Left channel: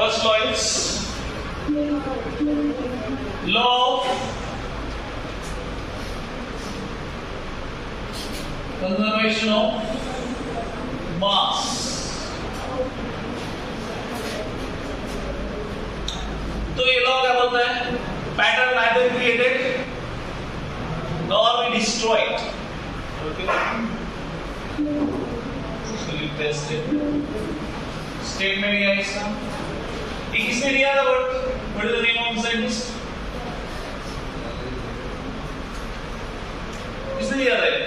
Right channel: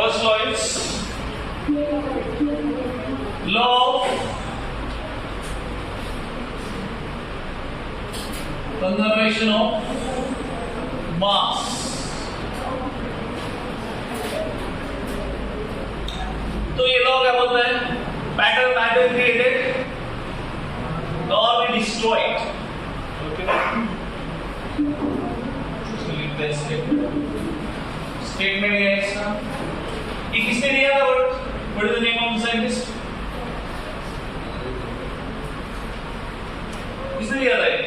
First law is law of conservation of mass. तो ये law क्या बोलता है? Matter created nor be destroyed. Okay. Statement क्या है इसका? ये किसने दिया था word? What is the name of the scientist? किसने दिया था ये?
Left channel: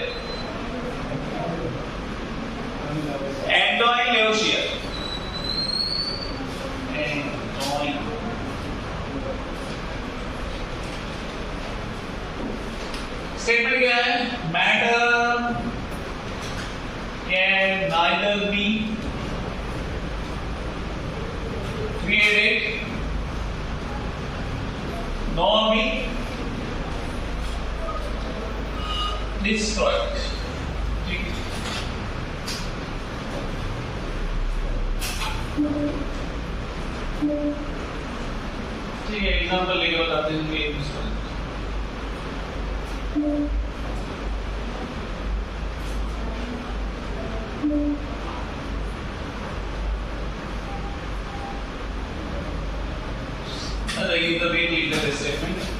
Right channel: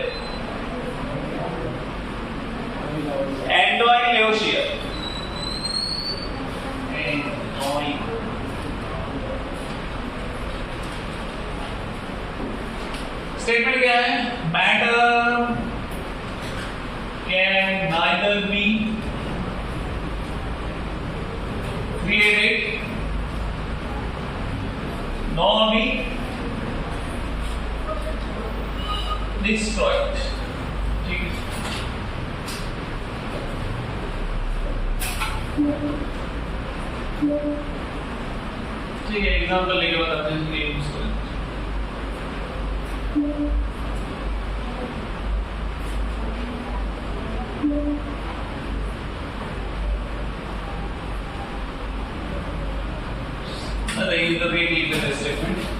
Antoine Lavoisier. स्टेटमेंट क्या है? Matter can neither be created nor be destroyed. ठीक है, ठीक है, एग्जाम्पल लेके बताते हैं कि यूज करें।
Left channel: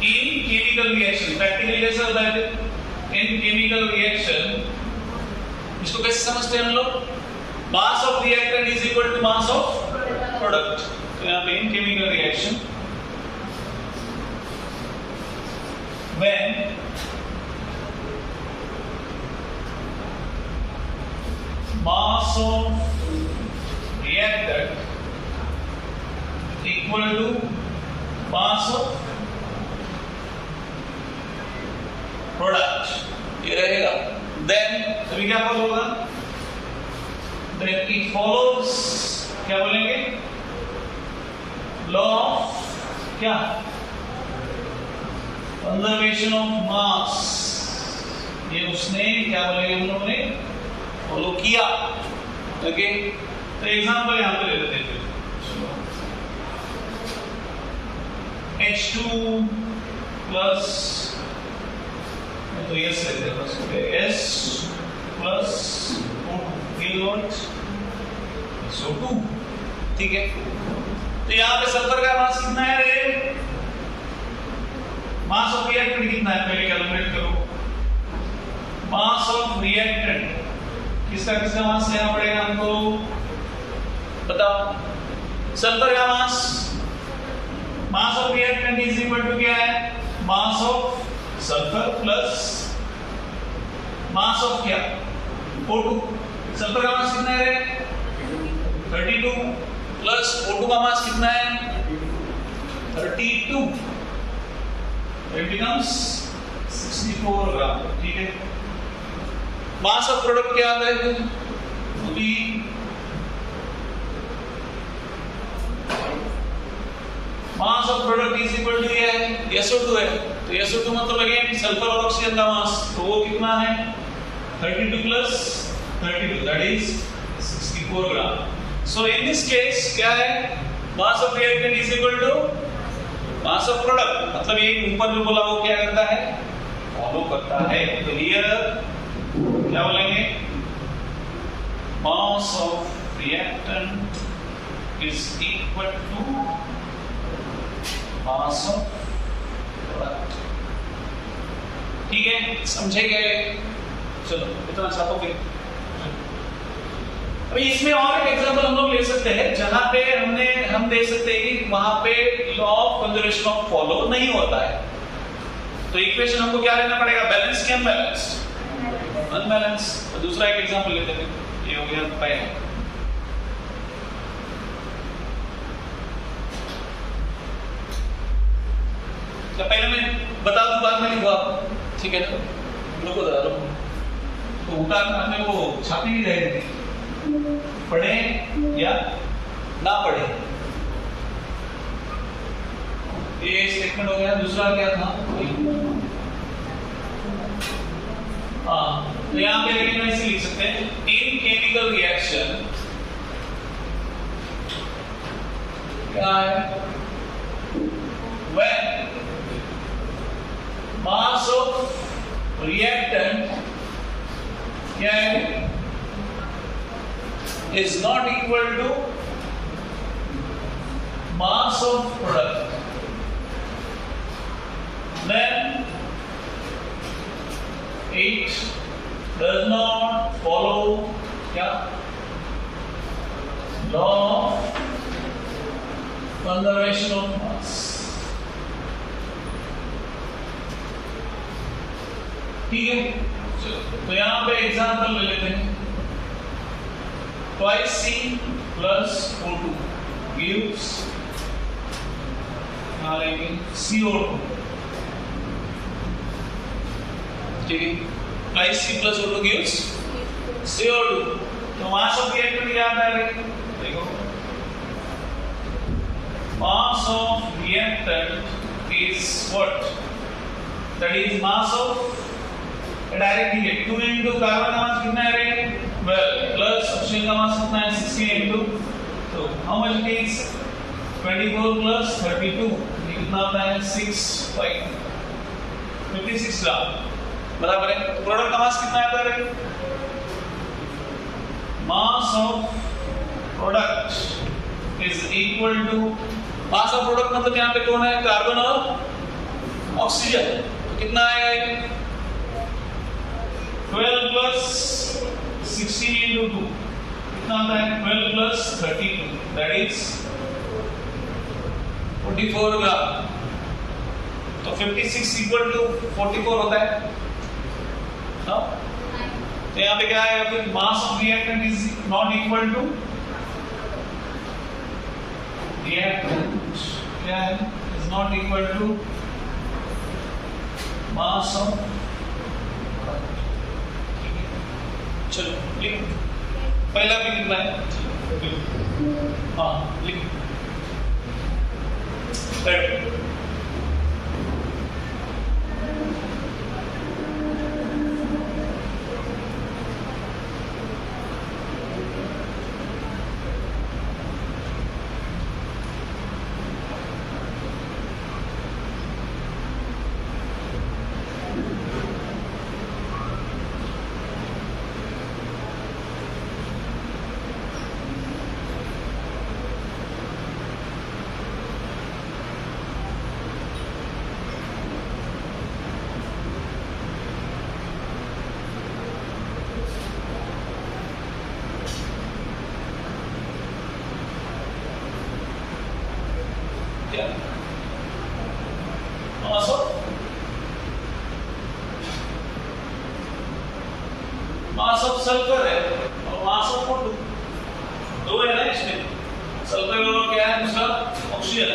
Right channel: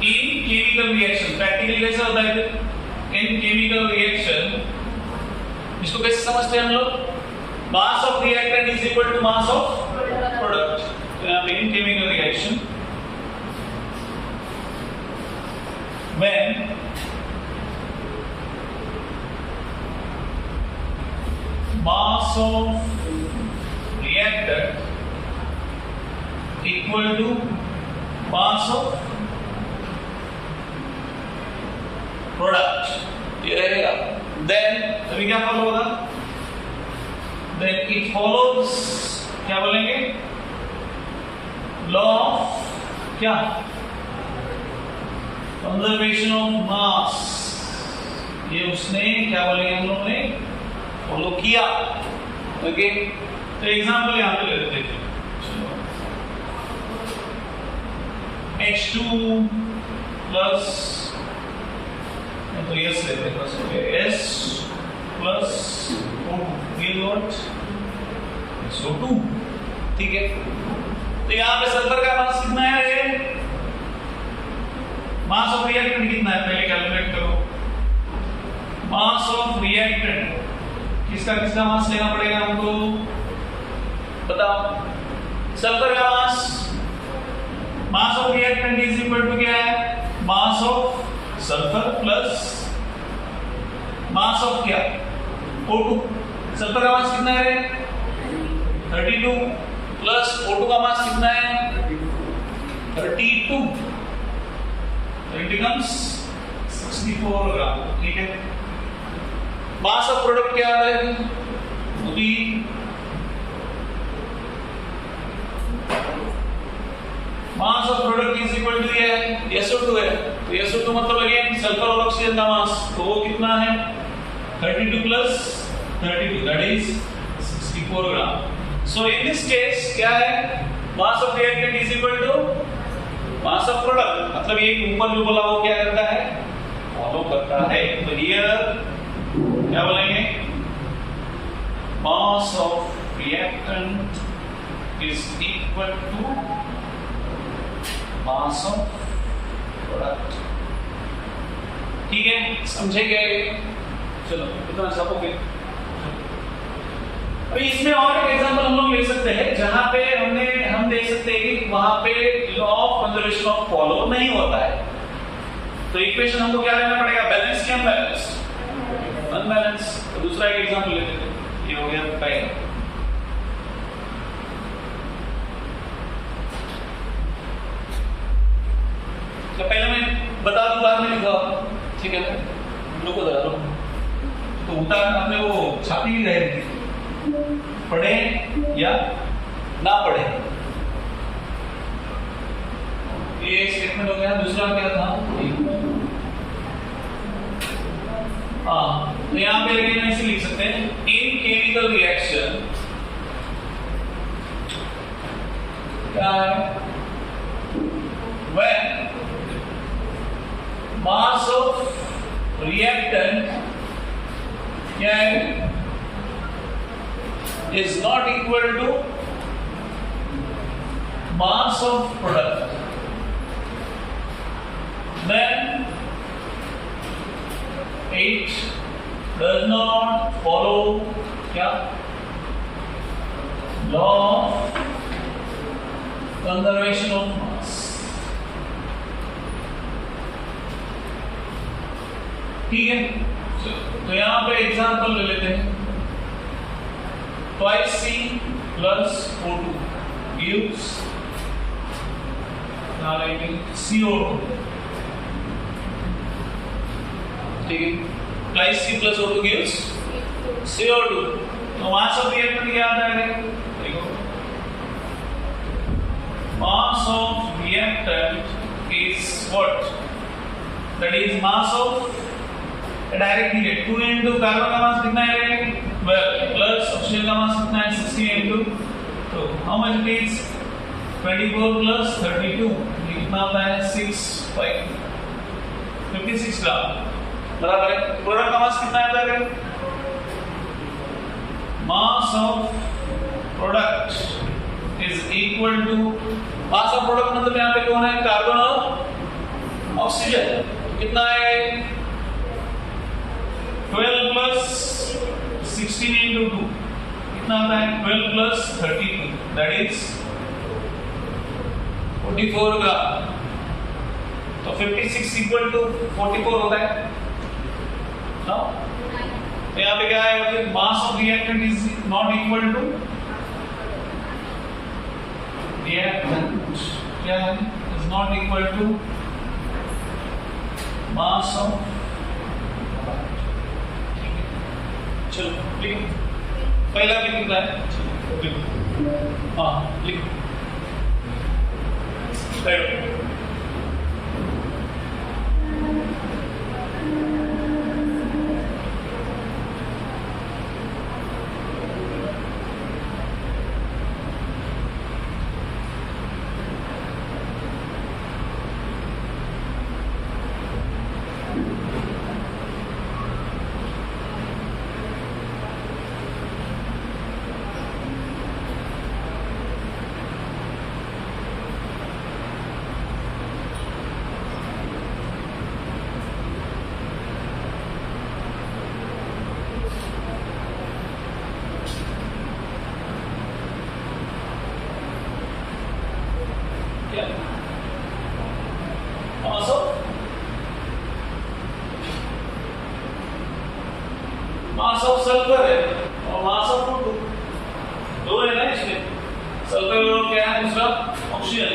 In chemical reaction, practically कैसे होता है? In chemical reaction, इसको कैसे समझते हैं हम लोग? Mass of reactant is equal to mass of product. In chemical reaction, when mass of reactant equal to mass of product, ये रहेगा। देन अभी क्या फॉलो होगा? देन इट फॉलोज, क्या बोलेंगे? लॉ ऑफ क्या? Conservation of mass. ये उसने क्या बोलेंगे हम लोगों ने फॉलो किया। ओके, तो एग्जांपल यहां पे ले लेते हैं। H2 प्लस, तो यस लेते हैं बस, S प्लस O2 SO2, ठीक है। तो यहाँ पे सल्फर का मास कितना है रे? मास ऑफ रिएक्टेंट कितना है? पहले कैलकुलेट करो। मास ऑफ रिएक्टेंट किसका किसका मास लेना पड़ेगा हमको? बताओ। सल्फर का mass, mass of reactant is equal to क्या है? Mass of sulphur plus mass of क्या? O2। सल्फर का मास कितना है? 32 प्लस O2 का मास कितना है? 32, it becomes 64 ग्राम, ठीक है। मास ऑफ प्रोडक्ट क्या है? Mass of product is equal to ये है, SO2 है, तो SO2 मतलब अगेन सल्फर और ऑक्सीजन का मास, तो वो कितना है? 32 plus 32, that is 64 gram. So in this case क्या है? Mass of reactant is equal to mass of product, मतलब ये ऊपर जो बोला वो क्या करता है? फॉलो करता है। तो हियर क्या बोलेंगे? Mass of reactant is equal to mass of product, ठीक है। समझे क्या ये? चलो इतना छापोगे। अभी इसमें और एक एग्जांपल हम लोग ले सकते हैं जहां पे हम देख सकते हैं कि वहां पे law of conservation of follow नहीं होता है। तो इक्वेशन हमको क्या लेना पड़ेगा? बैलेंस की अनबैलेंस? अनबैलेंस। तो दूसरा एक एग्जांपल लेते हैं, ये हो गया पहला। तो पहले मैं बता दूं, बाद में लिखो, ठीक है ना? रुको जरा, रुको। तो उतार आपने वो छापी नहीं रहेगी, पढ़े या ना पढ़े। ये स्टेटमेंट हो गया। दूसरा क्या था? हाँ, तो यहाँ पे लेकिन ऐसे लिख सकते हैं, इन केमिकल रिएक्शन क्या है? When mass of reactant क्या है? Is not equal to mass of product, then it does not follow क्या? Law of conservation of mass. ठीक है, तो यहां पे एग्जांपल ले लेते हैं. Twice C plus O2 gives CO2. ठीक है, twice C plus O2 gives CO2. तो mass of reactant क्या आता है? देखो, mass of reactant is what? That is mass of direct heat. 2 into carbon का मास कितना है रे? 12 प्लस ऑक्सीजन का मास कितना है? 16 into, तो how much it is? 24 plus 32 ये कितना होता है? 56 ग्राम बराबर है. प्रोडक्ट का मास कितना आता है रे? Mass of product is equal to mass of product मतलब यहाँ पे कौन है? कार्बन और ऑक्सीजन. कितना है? 12 plus 16 into 2 कितना आता है? 12 plus 32 that is 44 ग्राम. तो 56 equal to 44 होता है ना? तो यहाँ पे क्या है? फिर mass of reactant is not equal to reactant क्या है? is not equal to mass of. चलो लिख, पहला भी लिखना है. हाँ लिख. मास ऑफ सल्फर है और मास ऑफ O2 दो है ना इसमें. सल्फर और क्या है? दूसरा ऑक्सीजन है.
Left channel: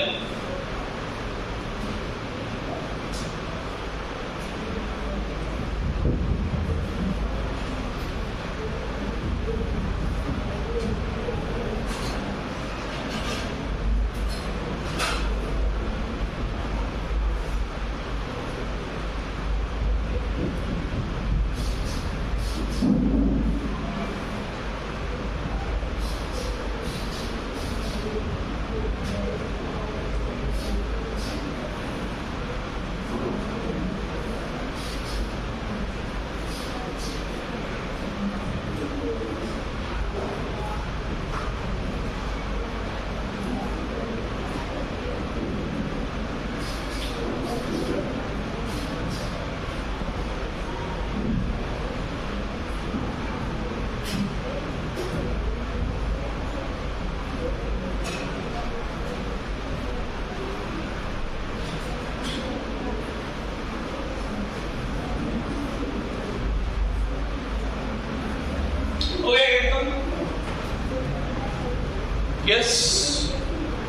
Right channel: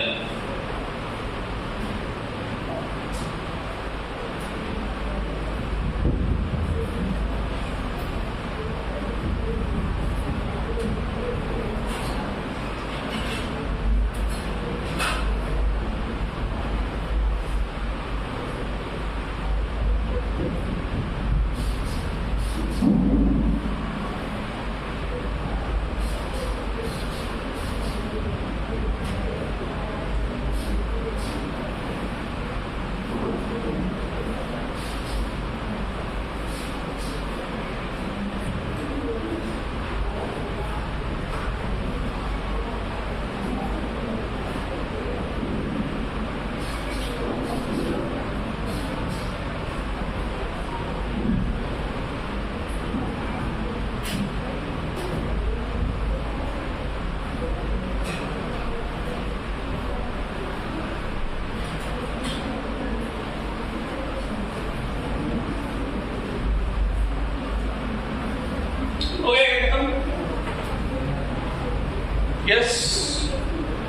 यस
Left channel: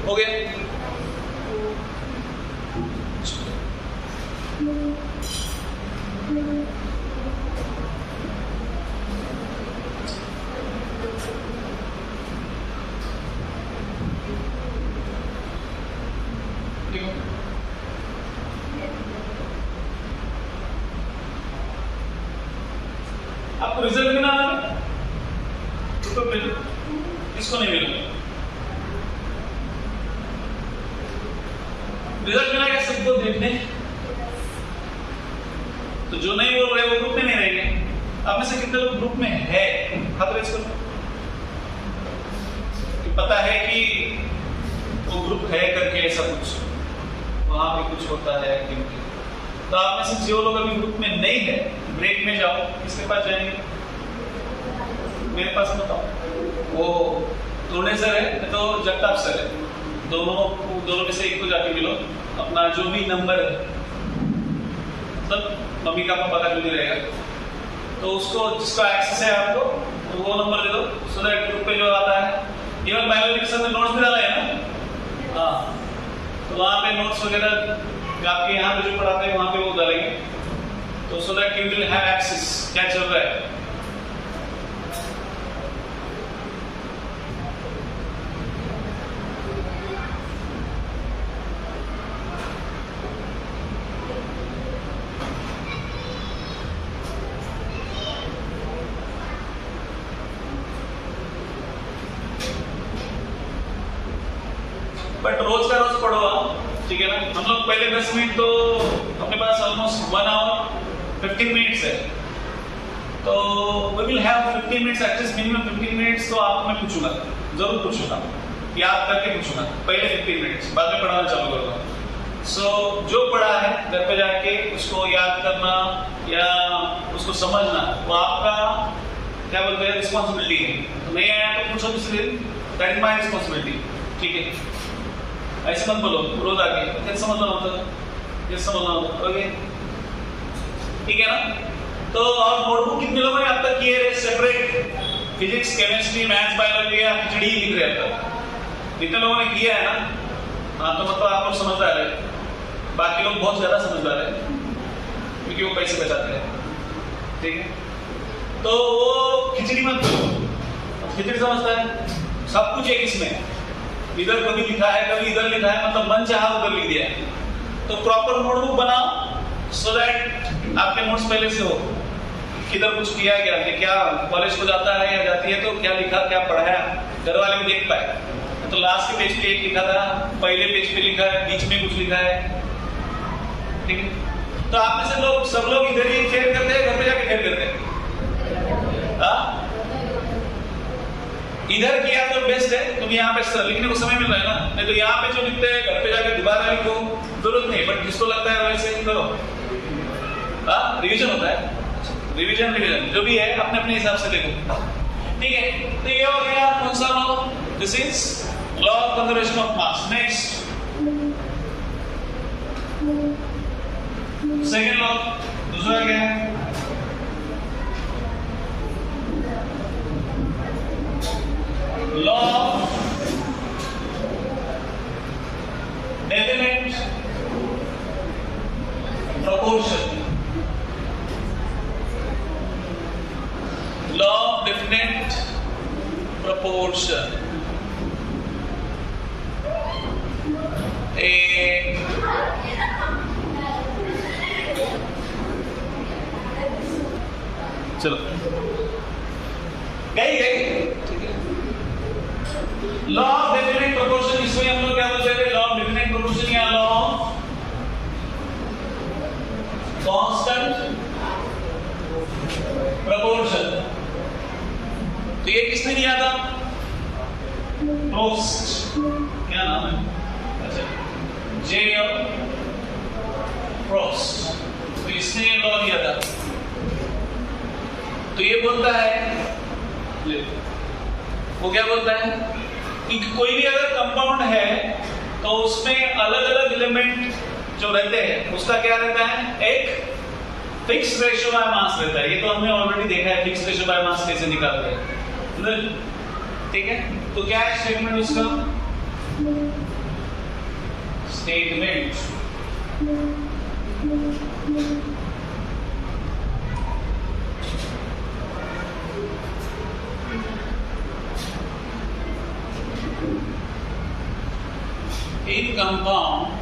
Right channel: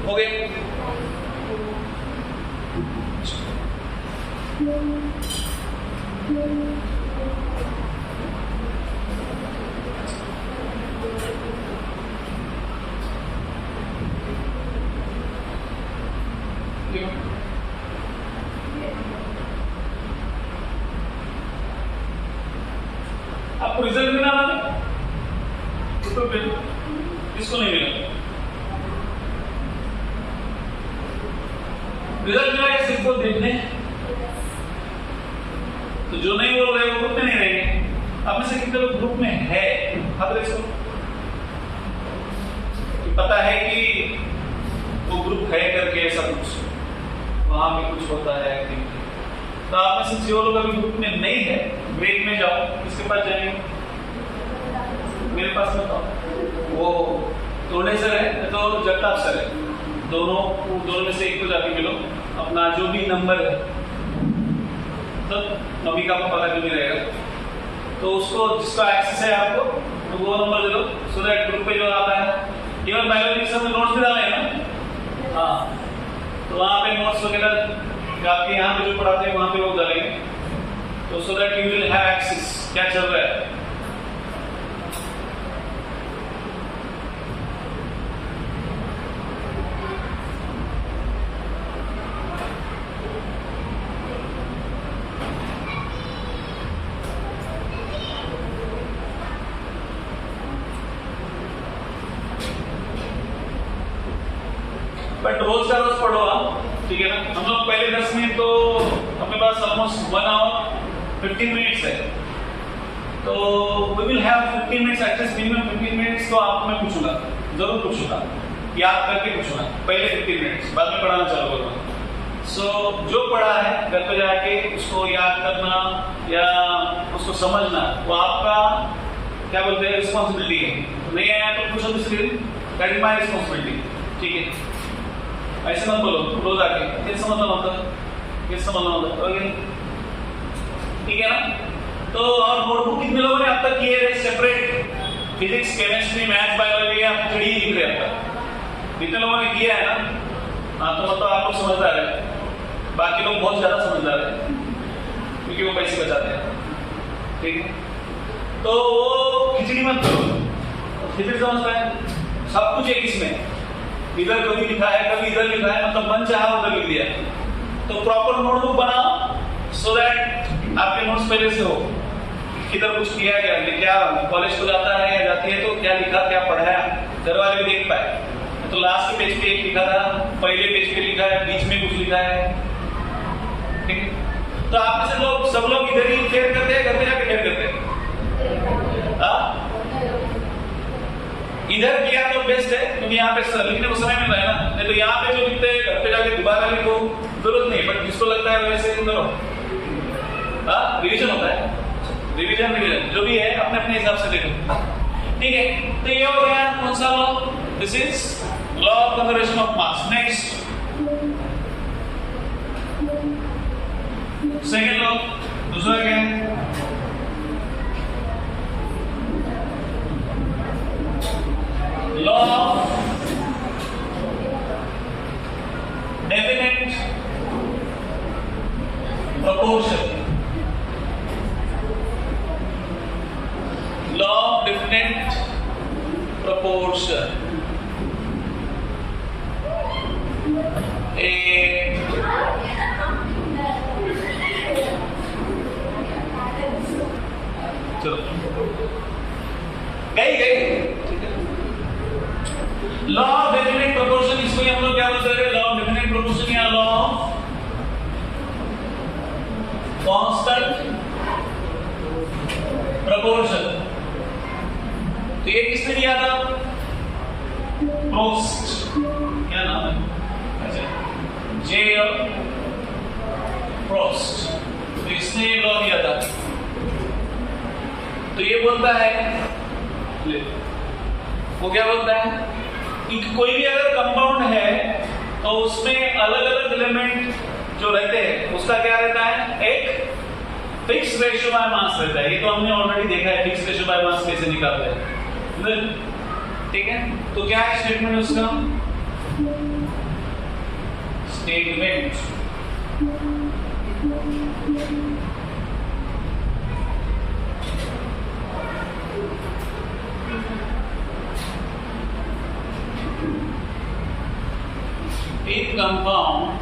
हो गया. आपको रिजल्ट मिला ना? इसको नहीं मिला. रिजल्ट मिला क्या सबको देखने? तो जो नहीं बोल रहे वो ग्रुप में नहीं रहेंगे। आप में से कितने लोग ग्रुप में है? हाथ रेज़ करो। पता है कि वो ग्रुप है करके ऐसा कुछ वहां पे कुछ होता है एक्टिविटी। तो आप में से जो लोग अभी ग्रुप में नहीं है, ब्रेक में जाओ, किसके पास जाएंगे? मेरे पास मत आओ। वो तोड़े सर है तो जगताप सर है, दोनों में से एक को जाके मिलो। अपना जो भी नंबर है, सब मम्मी का पता क्यों नहीं रहेगा, तो उसको जिसको एक्सेस है आपको तो वो नंबर दे दो, सो दैट ग्रुप पे जो आता है। इवन बायोलॉजी के समय नोट्स भी डाला है ना, हाँ, तो वहाँ पे नोट्स वगैरह आपके यहाँ पे जो पढ़ाते हैं वहाँ पे वो डालेंगे, तो so that you will have access क्या चल रहा है। बट रोज का रोज पढ़ो आप, ठीक है ना। हम लोग पहले 10 मिनट तो अपने पास ऑलमोस्ट 1 आवर 15 मिनट्स है, तो we will have 15 minutes at least, minimum 15 minutes तो आपको मैं पूछूंगा, जरूर पूछूंगा, याद करके पूछूंगा। पहले 15 मिनट्स, बाद में पढ़ाना चालू करूंगा। सो जो पढ़ा है घर पे जाके उसको याद करना या उसको समझना, वो आपका क्या बोलते हैं रिस्पॉन्सिबिलिटी है। तो नहीं आया तो पूछो दूसरे दिन, दैट इज माय रिस्पॉन्सिबिलिटी, ठीक है। ऐसे मत बोलो रोज आके, कैसे समझना होता है, कैसे समझना होता है, ओके, ठीक है ना। तो और नोटबुक कितने लोगों ने अब तक किए है separate? Physics, chemistry, maths, biology आप खिचड़ी लिख रहे हैं अब तक, जितने लोगों ने किया है ना, हाँ, तो मतलब आप लोग समझदार है। बाकी लोग बहुत ज्यादा समझदार है क्योंकि वो पैसे बचाते हैं, ठीक है। तो वो खिचड़ी मत करो, खिचड़ी समझता है सब कुछ एक इसमें, इधर कभी लिखा है कभी इधर लिखा है, मतलब मन चाहा उधर लिख दिया। तो प्रॉपर नोटबुक बनाओ सो दैट आपके नोट्स पहले से हो, किधर कुछ किया गया, क्या कॉलेज को जाता है या जाती है तो क्या लिखा क्या पढ़ाया, घर वाले भी देख पाए। तो लास्ट के पेज पे एक लिखा था, पहले पेज पे लिखा है, बीच में कुछ लिखा है, ठीक है। तो आप में से लोग सब लोग इधर ही फेर करते हैं, घर पे जाके फेर करते हैं। इधर किया तो बेस्ट है, क्योंकि यहाँ पे लिखने को समय मिल रहा है ना, नहीं तो यहाँ पे जो लिखते हैं घर पे जाके दोबारा लिखो, जरूरत नहीं। बट जिसको लगता है वैसे ही करो, हाँ, रिवीजन होता है, रिवीजन जो भी है अपने अपने हिसाब से देखो, ठीक है। तो ये हो गया कौन सा law? This is law of conservation of mass. Next second law, दूसरा क्या है? Law of definite proportion. Law of definite proportion. चलो गई लॉ ऑफ डेफिनेट प्रोपोर्शन, इसको हम लोग क्या बोलते हैं? लॉ ऑफ डेफिनेट प्रोपोर्शन या लॉ ऑफ कांस्टेंट प्रोपोर्शन। तो ये किसने दिया था? प्रोस्ट, क्या नाम है? अच्छा, जे प्रोस्ट, तो इसने ये लॉ दिया था। तो ये बोलता है, वो क्या बोलता है कि कोई भी अगर कंपाउंड है तो उसमें अलग अलग एलिमेंट जो रहते हैं उसका क्या रहता है? एक फिक्स रेशियो बाय मास रहता है। ये तो हमने ऑलरेडी देखा है फिक्स रेशियो बाय मास कैसे निकालते हैं, ठीक है। तो क्या है स्टेटमेंट उसका? स्टेटमेंट in compound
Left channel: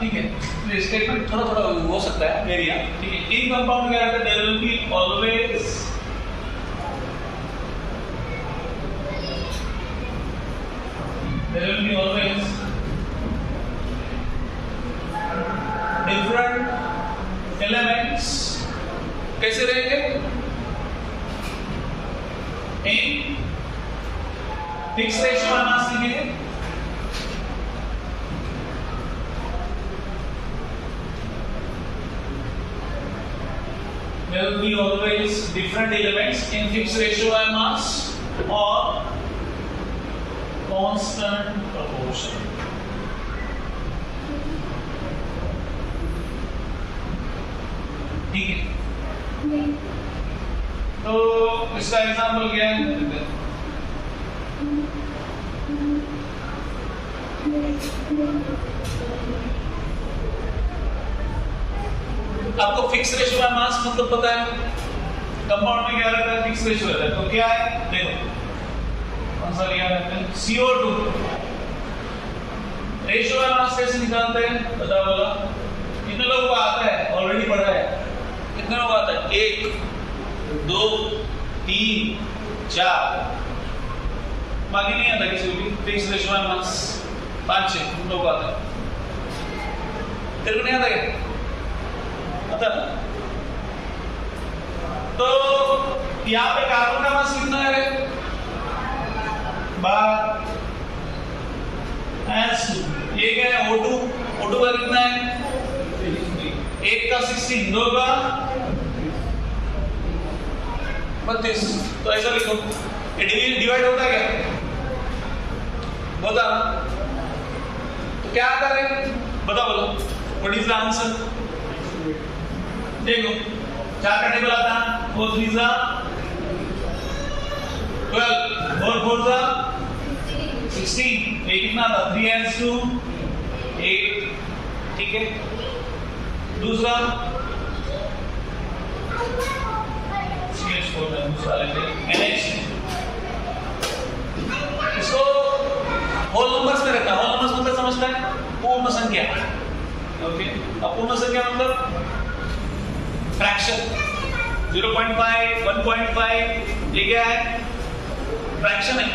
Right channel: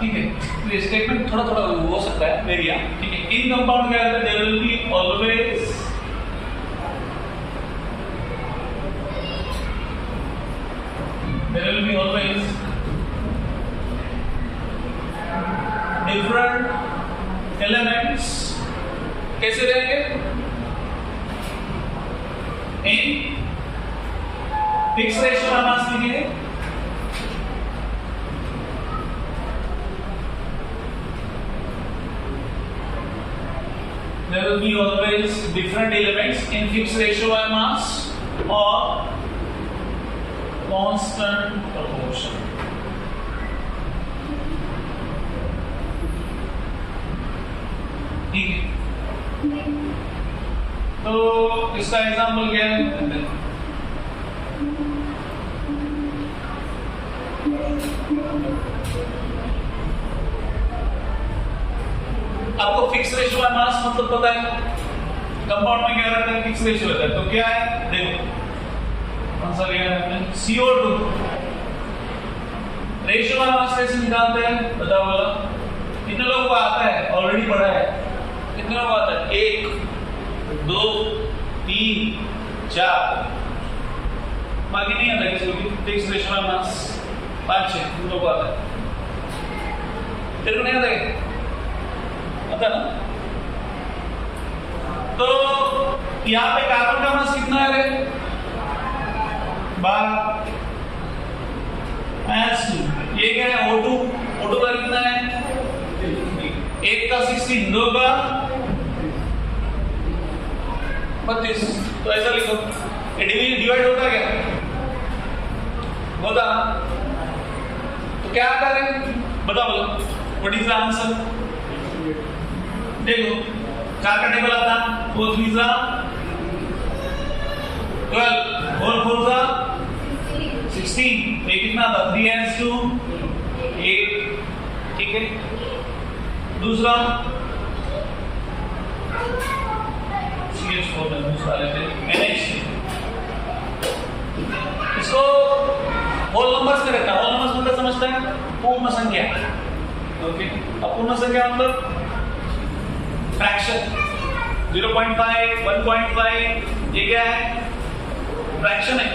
ठीक है, स्टेटमेंट थोड़ा थोड़ा हो सकता है एरिया, ठीक है। इन कंपाउंड क्या रहता है? There will be always there will be always different elements. कैसे रहेंगे? in fixed ratio मास लिखेंगे. There will be always different elements in fixed ratio by mass or constant proportion. ठीक है, तो इसका एग्जाम्पल क्या है? आपको फिक्स रेशियो बाय मास मतलब पता है, कंपाउंड में क्या रहता है? फिक्स रेशियो रहता है. तो क्या है? देखो कौन सा लिया है? CO2 रेशियो बाय मास कैसे निकालते हैं बताओ बोला. कितने लोगों को आता है? ऑलरेडी पढ़ा है. कितने लोगों को आता है? 1 2 3 4. बाकी नहीं आता किसी को भी. फिक्स रेशियो बाय मास 5 6 तुम लोगों को आता है. तेरे को नहीं आता क्या? आता ना. तो यहाँ पे कार्बन का मास कितना है रे? 12. ये क्या है? O2. O2 का कितना है? 1 का 16, 2 का 32. तो ऐसा लिखो. ये डिवाइड होता है क्या? होता ना. तो क्या आता है? बताओ बोलो. What is the answer? देखो 4 का टेबल आता है. 4 3 12, 4 4 16. ये कितना था? 3 and 2 8. ठीक है. दूसरा CH4 दूसरा लेते हैं NH. इसको होल नंबर्स में रखा. होल नंबर्स मतलब समझता है? पूर्ण संख्या. ओके. अब पूर्ण संख्या मतलब फ्रैक्शन. 0.5 1.5 ये क्या है? फ्रैक्शन है.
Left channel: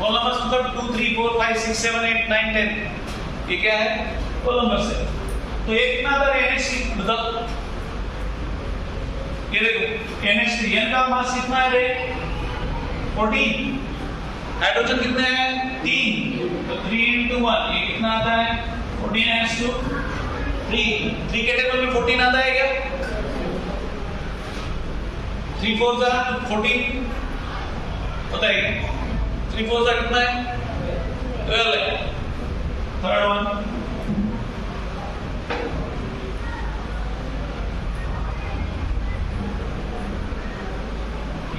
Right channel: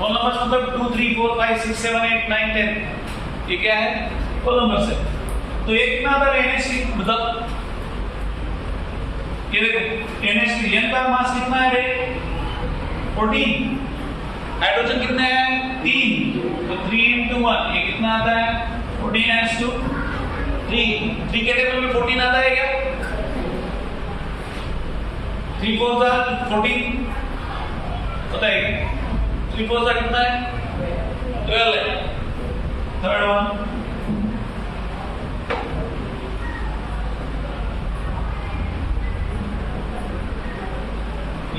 होल नंबर्स मतलब 2 3 4 5 6 7 8 9 10 ये क्या है? होल नंबर्स है. तो ये कितना आता है? NH3 बताओ. ये देखो NH3 N का मास कितना है रे? 14. हाइड्रोजन कितने हैं? 3. तो 3 into 1 ये कितना आता है? 14 and 2 3. 3 के टेबल में 14 आता है क्या? 3 4 14 बताइए. 3 4 कितना है? 12 है. थर्ड वन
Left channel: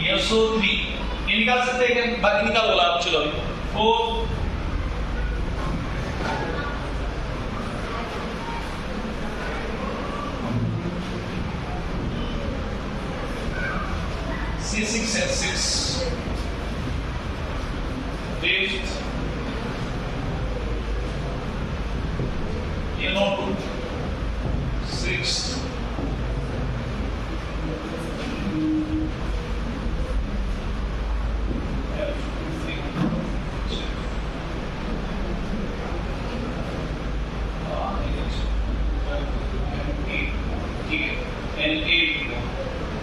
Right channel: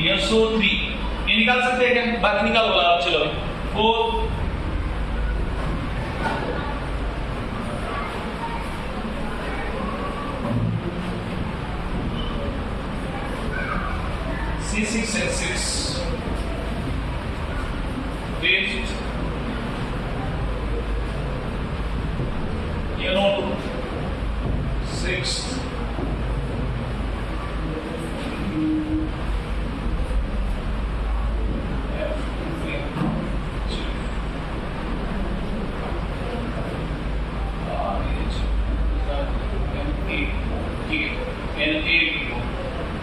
SO3 ये निकाल सकते हैं क्या? बाकी निकाल बोला आप. चलो 4 C6H6 fifth NO2 sixth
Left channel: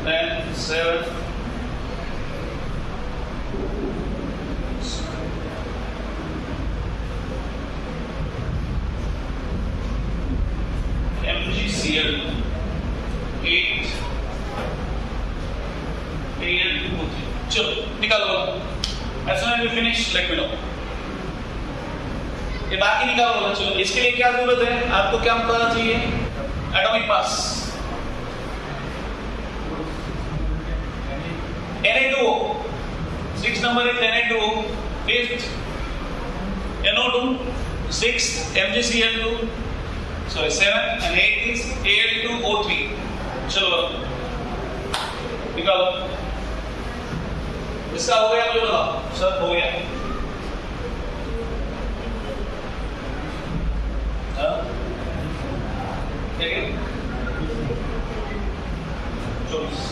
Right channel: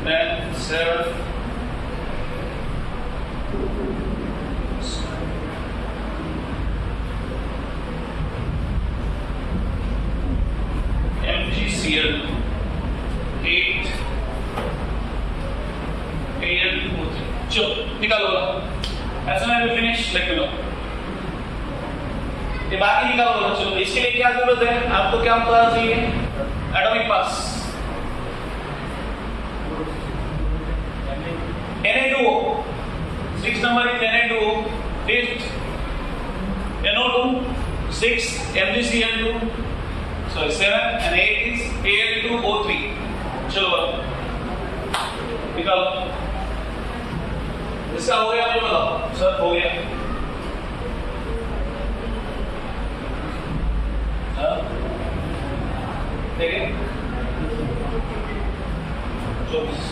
then 7 MgCl 8 Al2O3. चलो निकालो. as soon as we finish let me know. ये बाकी निकालो. चलो इसके लिए क्या जरूरत है? आपको क्या पता चाहिए? Atomic mass. Na2O 6 number is Na2O. 5th NO2. 6th MgCl2. Sorry 7 and 8 is Al2O3. चलो निकालो. इसका हो गया? तो बताओ सर हो गया. ठीक है. 24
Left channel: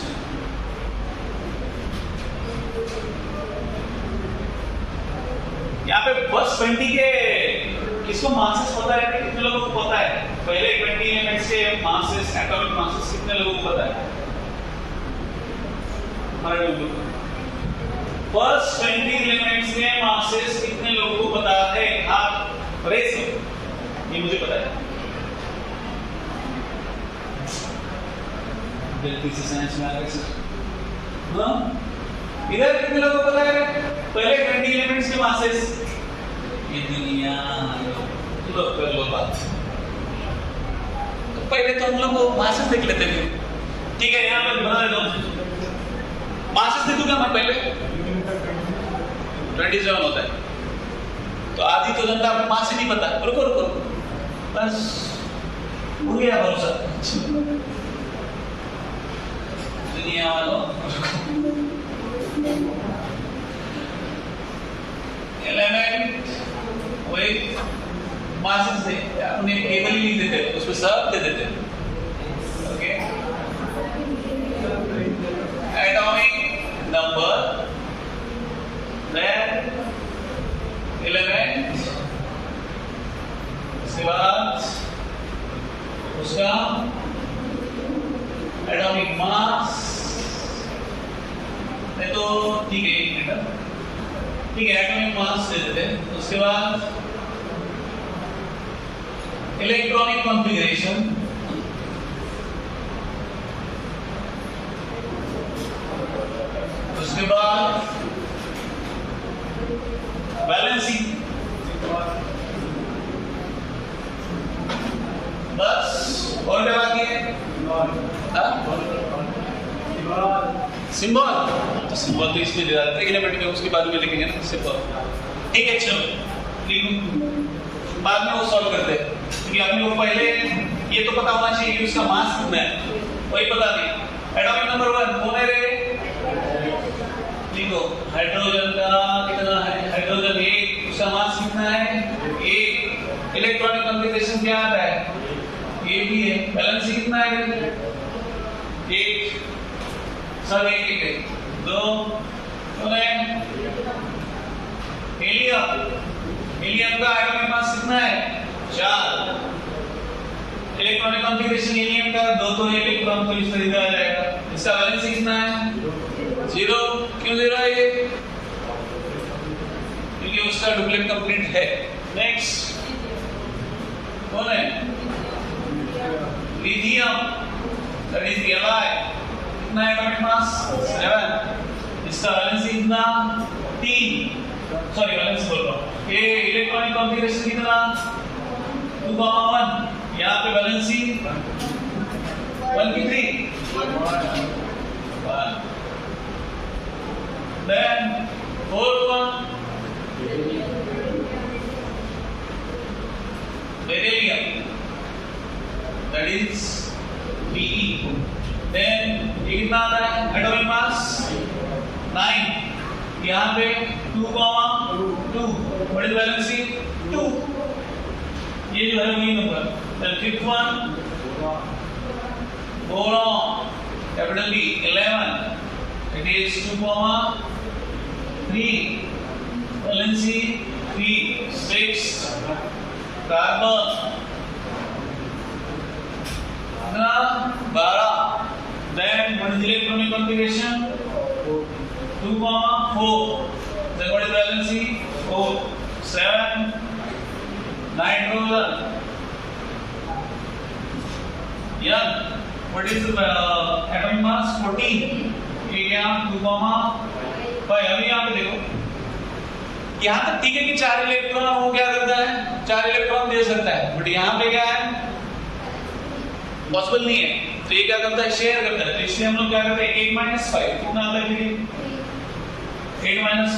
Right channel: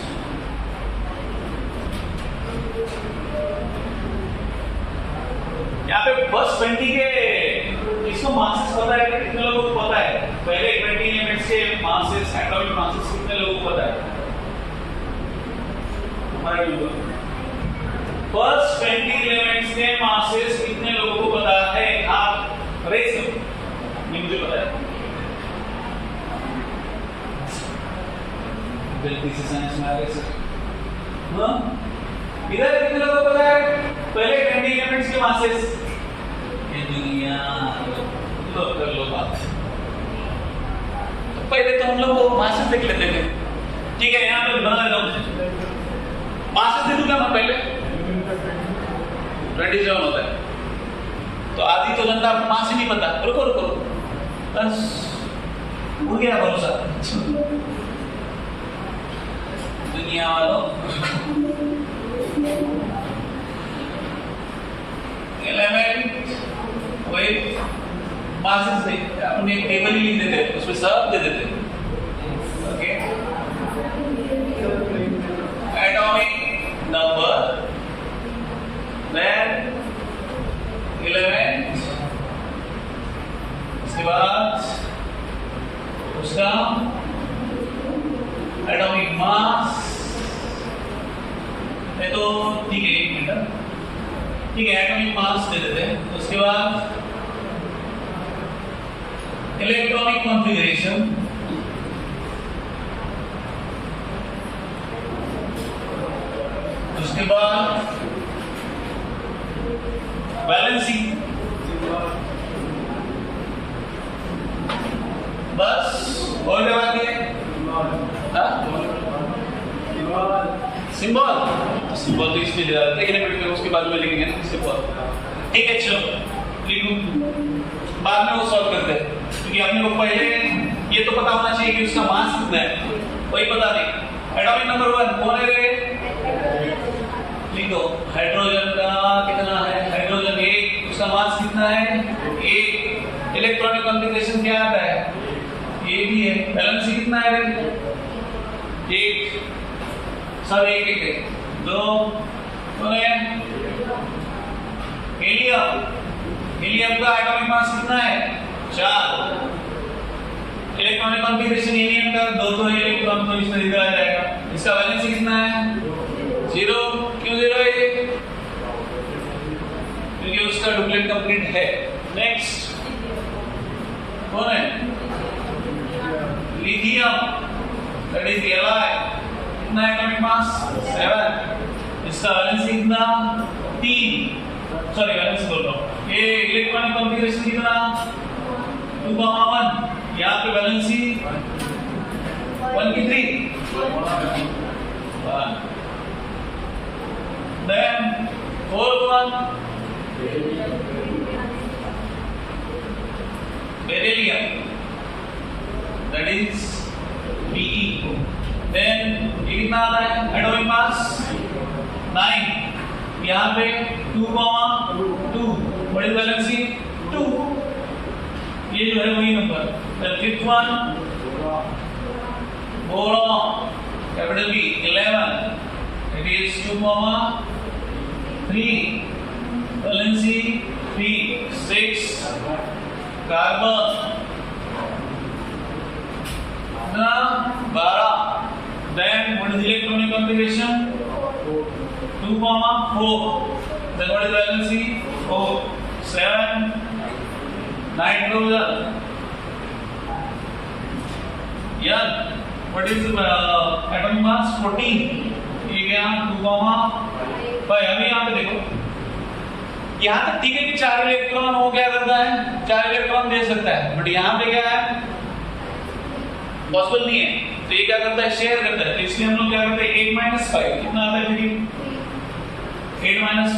यहाँ पे फर्स्ट फर्स्ट 20 के इसको मासेस पता है कितने लोगों को पता है? पहले 20 एलिमेंट्स के मासेस, एटॉमिक मासेस कितने लोगों को पता है? फर्स्ट 20 एलिमेंट्स के मासेस कितने लोगों को पता है? हाथ रेस करो। ये मुझे पता है। गलती से साइंस में आ गए सर। हाँ, इधर कितने लोगों को पता है? पहले 20 एलिमेंट्स के मासेस। ये दुनिया लो कर लो बात। तो पहले तो हम लोग वो मासेस देख लेते थे। ठीक है, यहाँ पे बना देता हूँ। मासेस दे दूंगा मैं पहले। 27 होता है। तो आधी तो जनता आपको मास ही नहीं पता। रुको रुको बस हो गया भरोसा। दुनिया वालों एलिमेंट वही मासेस दे, उन्हें टेबल ही लिख देते, उसमें सब दे देते। Okay, atomic number, then element, उसके बाद उसका एटॉमिक मास। तो ठीक है, एक मिनट, ठीक है, एटॉमिक मास दे देते हैं। उसके बाद इलेक्ट्रॉनिक कॉन्फ़िगरेशन, उसके बाद वैलेंसी, बस और क्या बाकी है? सिंबल, तो सिंबल तो इसमें दे देते हैं एलिमेंट में, उसके बाद में लिखेंगे ना सिंबल। ठीक है, चलो लिखूं, बाद में वो सॉल्व करते हैं, क्योंकि अपने को पहले ये तो पता होना चाहिए कि उसका मास कितना है, वही पता नहीं। एटॉमिक नंबर 1 कौन है रे? लिखो, हाइड्रोजन का कितना है? हाइड्रोजन 1, उसका मास कितना है? 1। इलेक्ट्रॉनिक कॉन्फ़िगरेशन क्या आता है? ये भी है। वैलेंसी कितना है? 1। सब एक एक है। 2 हीलियम, हीलियम का एटॉमिक मास कितना है? 4। इलेक्ट्रॉनिक कॉन्फ़िगरेशन हीलियम का 2 इलेक्ट्रॉन तो इसमें दिया जाएगा। इसका वैलेंसी कितना है? 0। क्यों 0 है ये? क्योंकि उसका डुप्लेट कंप्लीट है। नेक्स्ट कौन है? Lithium, that is Li। कितना एटॉमिक मास? 7। इसका वैलेंसी कितना? 3। सॉरी, वैलेंसी बोल रहा हूँ। ये इलेक्ट्रॉनिक कॉन्फ़िगरेशन कितना? 2,1। यहाँ पे वैलेंसी 1 की 3। 1। Then 4th one, beryllium, that is Be। Then ये कितना आता है? Atomic mass 9। यहाँ पे 2,2। What is valency? 2। ये जो है वही number. Then 5th one, boron, capital B, 11। It is 2,3। Valency 3। 6। Carbon 12। Then what is electronic configuration? 2,4। Then what is valency? 4। 7। Nitrogen N। What is atomic mass? 14। ये क्या? 2,5। अभी यहाँ पे देखो, यहाँ तक ठीक है कि 4 इलेक्ट्रॉन वो क्या करता है? 4 इलेक्ट्रॉन दे सकता है, बट यहाँ पे क्या है? पॉसिबल नहीं है। तो ये क्या करता है? शेयर करता है। तो इसलिए हम लोग क्या करते हैं? 8 - 5 कितना आता है फिर? 8 - 5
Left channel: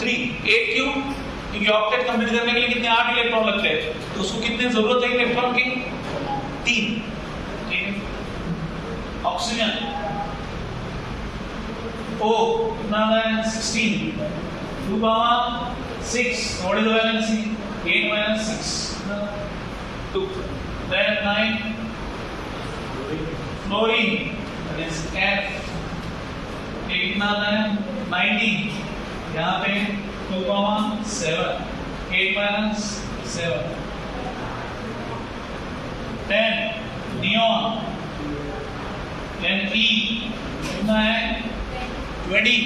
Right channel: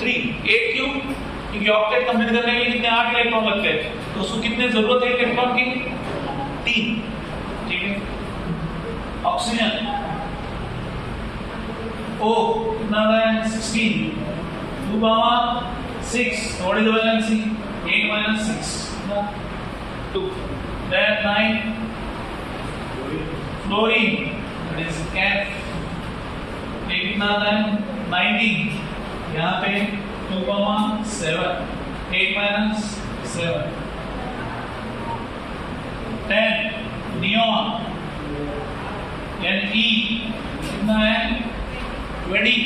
3। 8 क्यों? क्योंकि ऑक्टेट कंप्लीट करने के लिए कितने? 8 इलेक्ट्रॉन लगते हैं। तो उसको कितने जरूरत है इलेक्ट्रॉन की? 3। ठीक है। ऑक्सीजन O कितना है? 16। 2,6। What is the valency? 8 - 6 2। Then 9 fluorine, that is F। कितना है? 19। यहाँ पे 2,7 8 minus 7 10 neon NE कितना है 20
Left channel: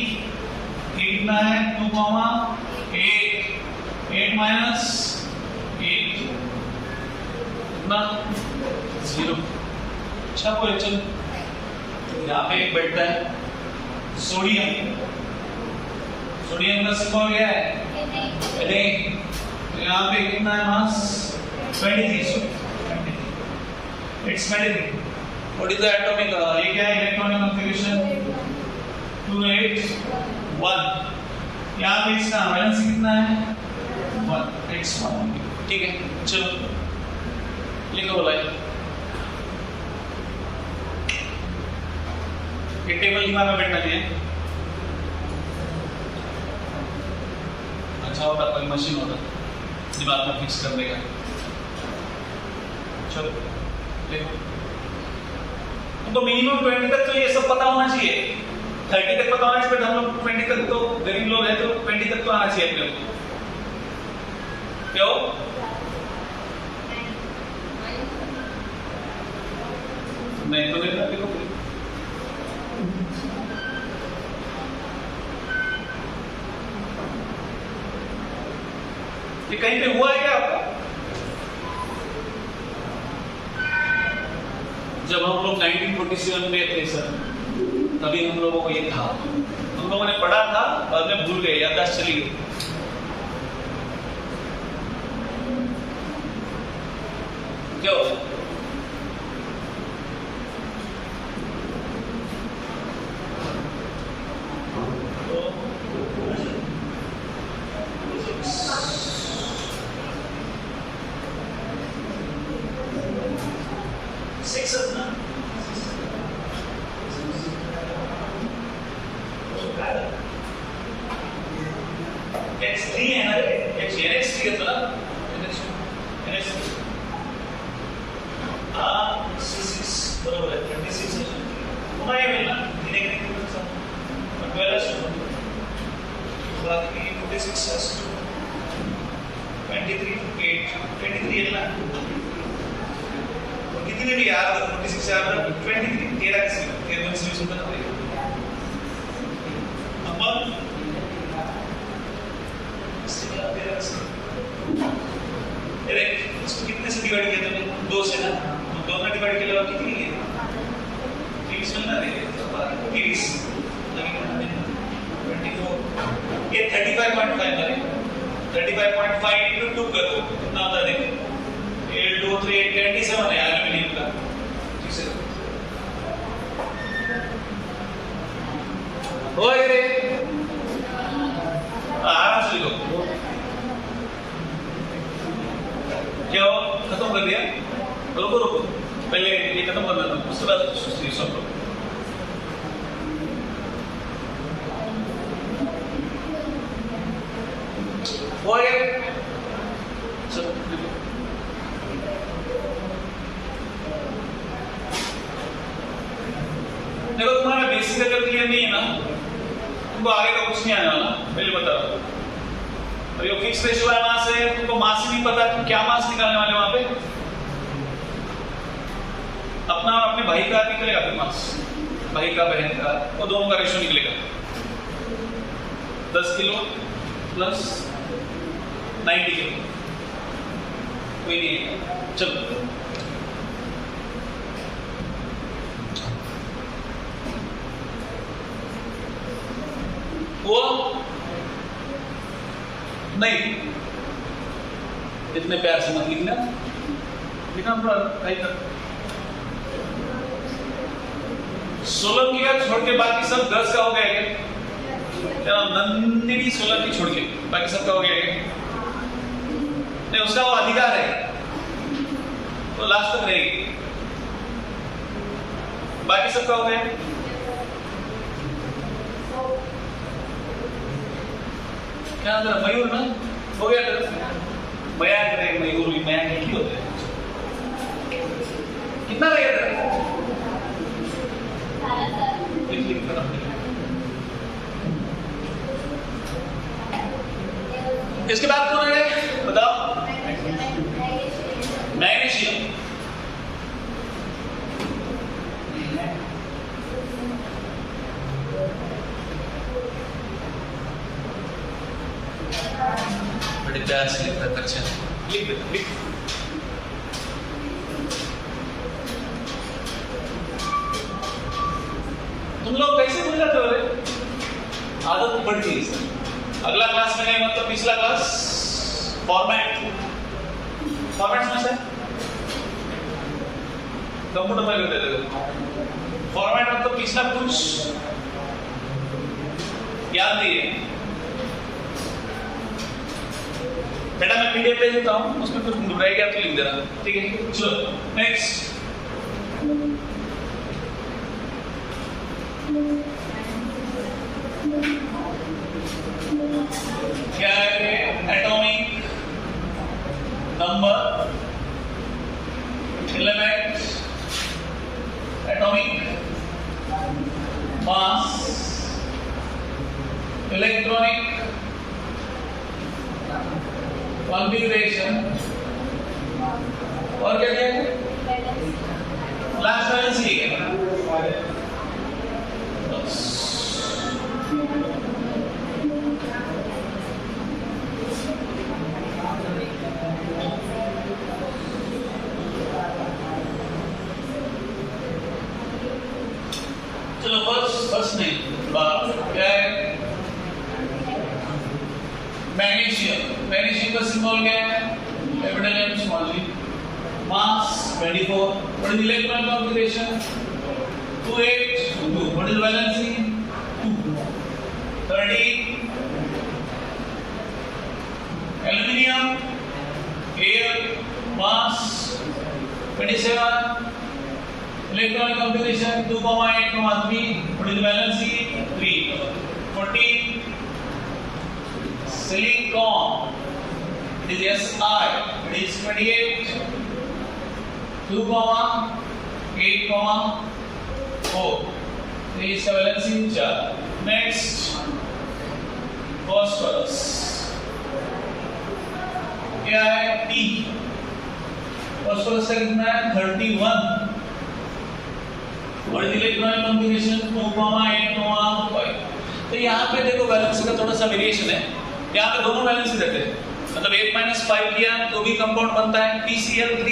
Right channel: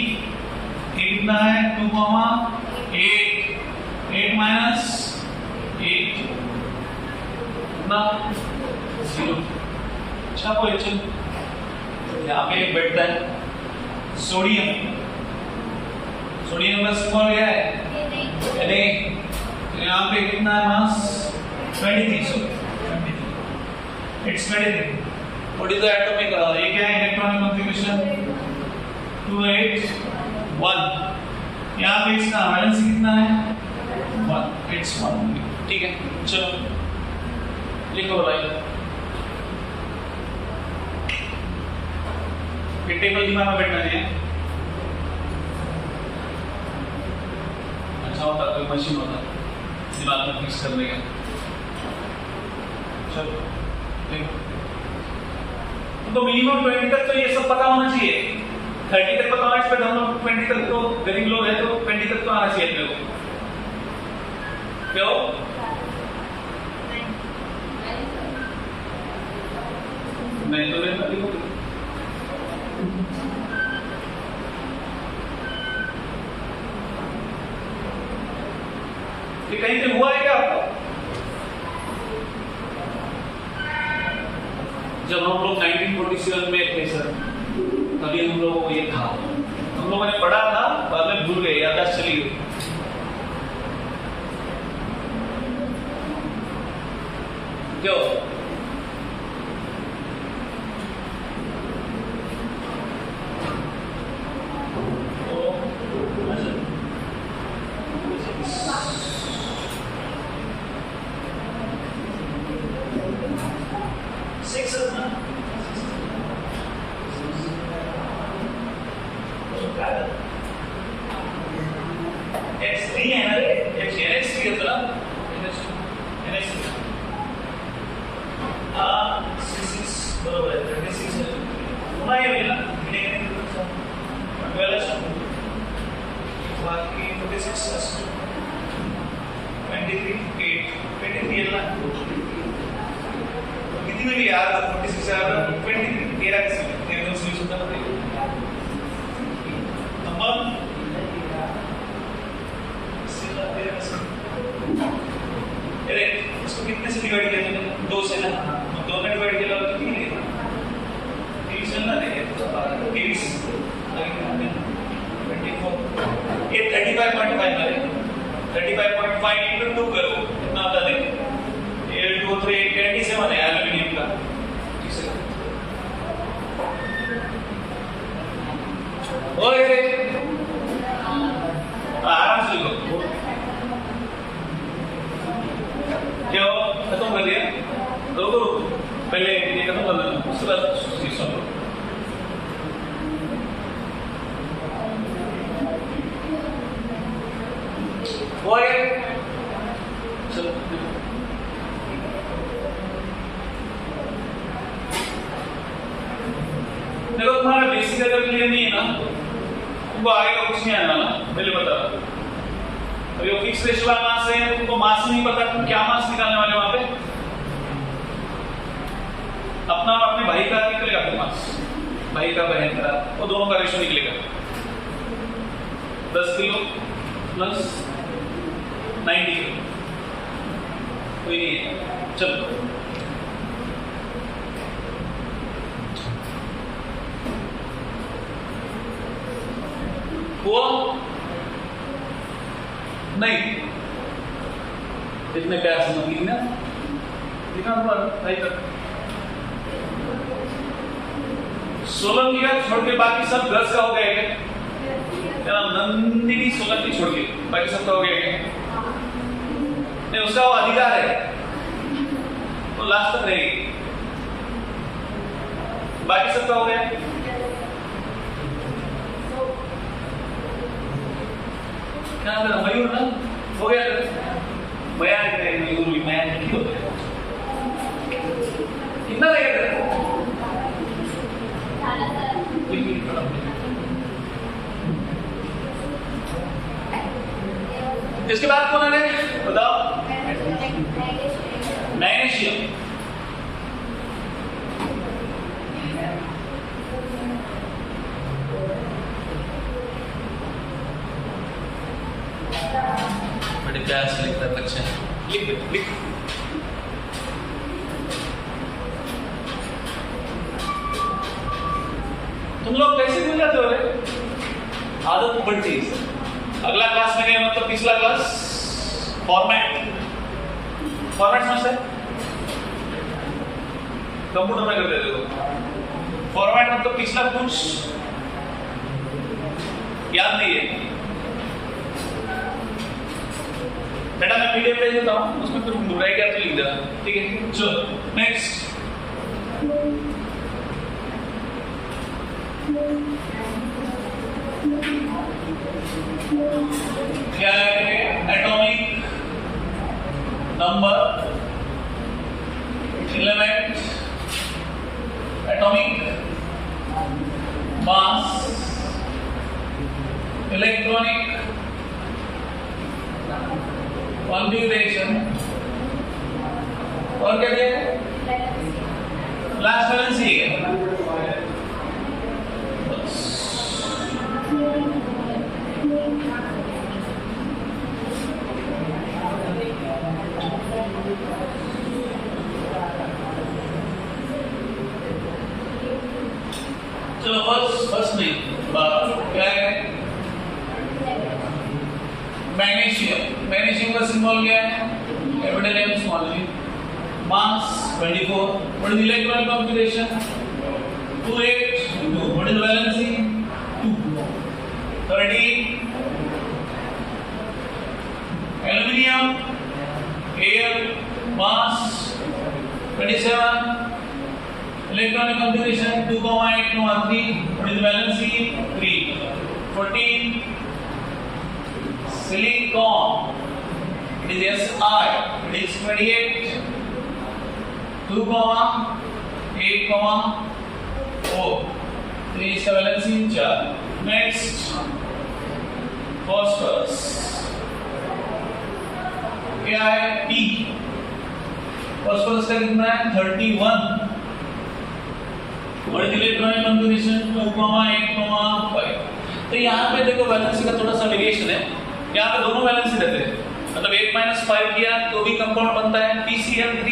कितना है 2,8 8 minus 8 कितना 0 अच्छा कोई चल यहाँ पे एक बैठता है सोडियम सोडियम का सिंबल क्या है Na यहाँ पे कितना है मास 23 सो 23 it's 23 what is the atomic ये क्या है इलेक्ट्रॉनिक कॉन्फ़िगरेशन 281 यहाँ पे इसका वैलेंस कितना है 1 इट्स 1 ठीक है चलो लिखो बोला ये टेबल दिमाग में बैठना चाहिए अच्छा होता कोई मशीन होता दिमाग में फिक्स करने का चलो तो मिनिमम 20 तक तो ये सब पता होना चाहिए 30 तक पता होना चाहिए हम लोग 20 तक तो गरीब लोग हैं तो 20 तक तो आना चाहिए अपने को क्यों नहीं तो देखना देखो ये कहीं पे हुआ है क्या आपका जब हम लोग 1947 में थे सर तभी हम लोगों को ये था हम लोगों ने पढ़ा था और में भूल गए याददाश्त चली गई क्यों X3 है ना रे NH3 होता ना NH3 C6 बराबर है 26 है होना है मिलना धीरे धीरे सर 12 बाकी 46 है 23 8 23 है ना तो कितनी मिली यार 46 यार 23 13 किसी 13 से होता ना नंबर अरे इसको कितने से डिवाइड किया तुमने 2 से ना 2 का डिवाइड किया और कितनी मिली 30 मिलना है 30 24 ये 35.5 मारे 35.5 into 2 करो कितना आता है देखो 8 2 3 27 है एल्युमिनियम का ठीक है ओए रे आराम से लिखो क्यों खत्म कर दिया रुको रुको पहले ये खत्म कर लेना उसके बाद सुन लो ओए चलो देखो तुम्हारा बेसिक अगर क्लियर नहीं है ना तुमको आगे का कुछ नहीं आने वाला पहले बता रहा तो ये फिक्स रेशियो वाला मास है तुमको मास ही नहीं पता तुम क्या मास निकालने वाले वहां पे अपना और अपने भाई का निकलेगा फिर मास भाई का बहन का वो दोनों का रेशियो निकलेगा 10 किलो प्लस 90 किलो कोई नहीं है चलो वो नहीं इतने प्यार से मत लिखना लिखना भाई तक 16 का छोड़ के बाकी सब 10 का हो गया क्या नंदी की 16 की छोड़ के बाकी सब का हो गया क्या नहीं उसका वो अधिकार है तो लास्ट तक रहेगी बाकी सब का हो गया क्या मयूर ना हो गया मया मयूर भी मया नहीं होते कितना लगेगा इसके बाद कौन आ गए बताओ? मैग्नीशियम। बड़े प्यार से लिखता है अच्छा लिख लिख। तुम लोग कैसे भूल जाते हो रे? आदत बढ़ गई। अगला क्लास में नहीं मतलब पिछला क्लास फॉर्मेट समझते हैं? कंप्यूटर में कर देते हो फॉर्मेट मतलब पिछला कुछ याद नहीं है बेटा। मैं पीडीएफ भेज देता हूँ उसमें कुछ रह गया तो लिख देना ठीक है। चलो नेक्स्ट क्या है? Atomic number 11, atomic mass, electronic configuration और क्या दिया है? लास्ट बैलेंस ही है। चलो फर्स्ट नहीं क्या है? मैग्नीशियम का सिंबल क्या है? Capital M small G. Mass 24। What is electronic configuration? 282। What is valency? 2 30। Aluminium air mass 27। Electronic configuration 2,8,3. What is the valency? 3. 14. Silicon. It is Si. It is 28. 2,8,4. This is the valency 4. Next, phosphorus. क्या है? P. phosphorus का कितना है? 31. और electronic configuration 2,8,5। तो यहाँ पे देखो वैलेंसी का थोड़ा सा वेरिएशन है। यहाँ पे दोनों वैलेंसी रहते हैं मतलब 8-5 किया तो भी कंपाउंड बनता है PCl3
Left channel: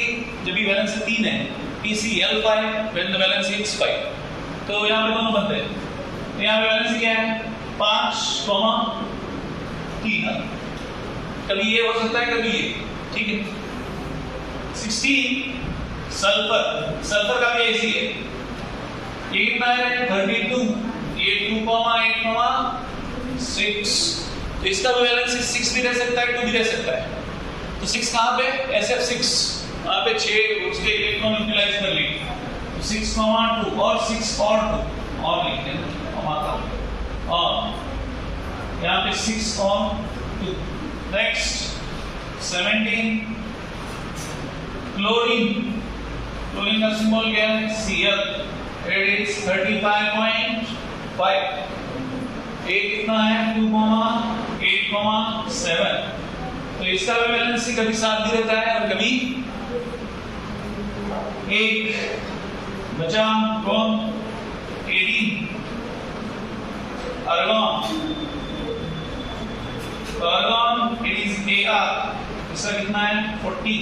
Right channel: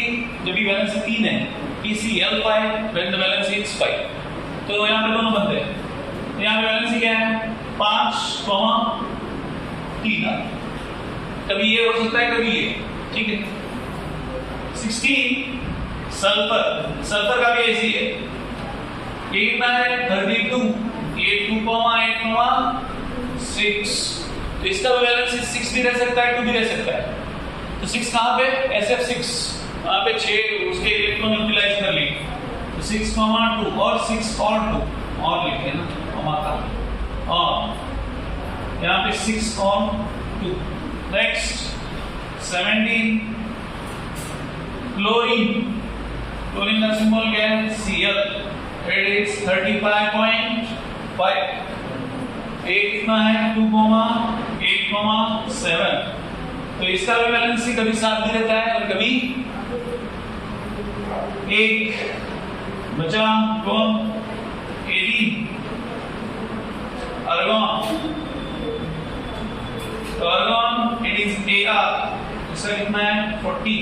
जब भी वैलेंसी 3 है, PCl5 when the valency is 5। तो यहाँ पे दोनों बनते हैं। यहाँ पे वैलेंसी क्या है? 5,3। कभी ये हो सकता है कभी ये ठीक है। 16 सल्फर का भी ऐसी है। ये कितना है? 32। ये 2,8,6। तो इसका वैलेंसी 6 भी रह सकता है 2 भी रह सकता है। तो 6 कहाँ पे? SF6 वहाँ पे 6 उसके इलेक्ट्रॉन यूटिलाइज कर ली तो 6,2 और 6 और 2 और लिखेंगे ना कॉमा का और यहाँ पे 6 और 2। नेक्स्ट 17 क्लोरीन का सिंबल क्या है? Cl। It is 35.5। एक कितना है? 2,8,7। तो इसका भी वैलेंसी कभी 7 भी रहता है और कभी 1 बचा। कौन? Ag। Argon it is Ar। इसका कितना है? 40।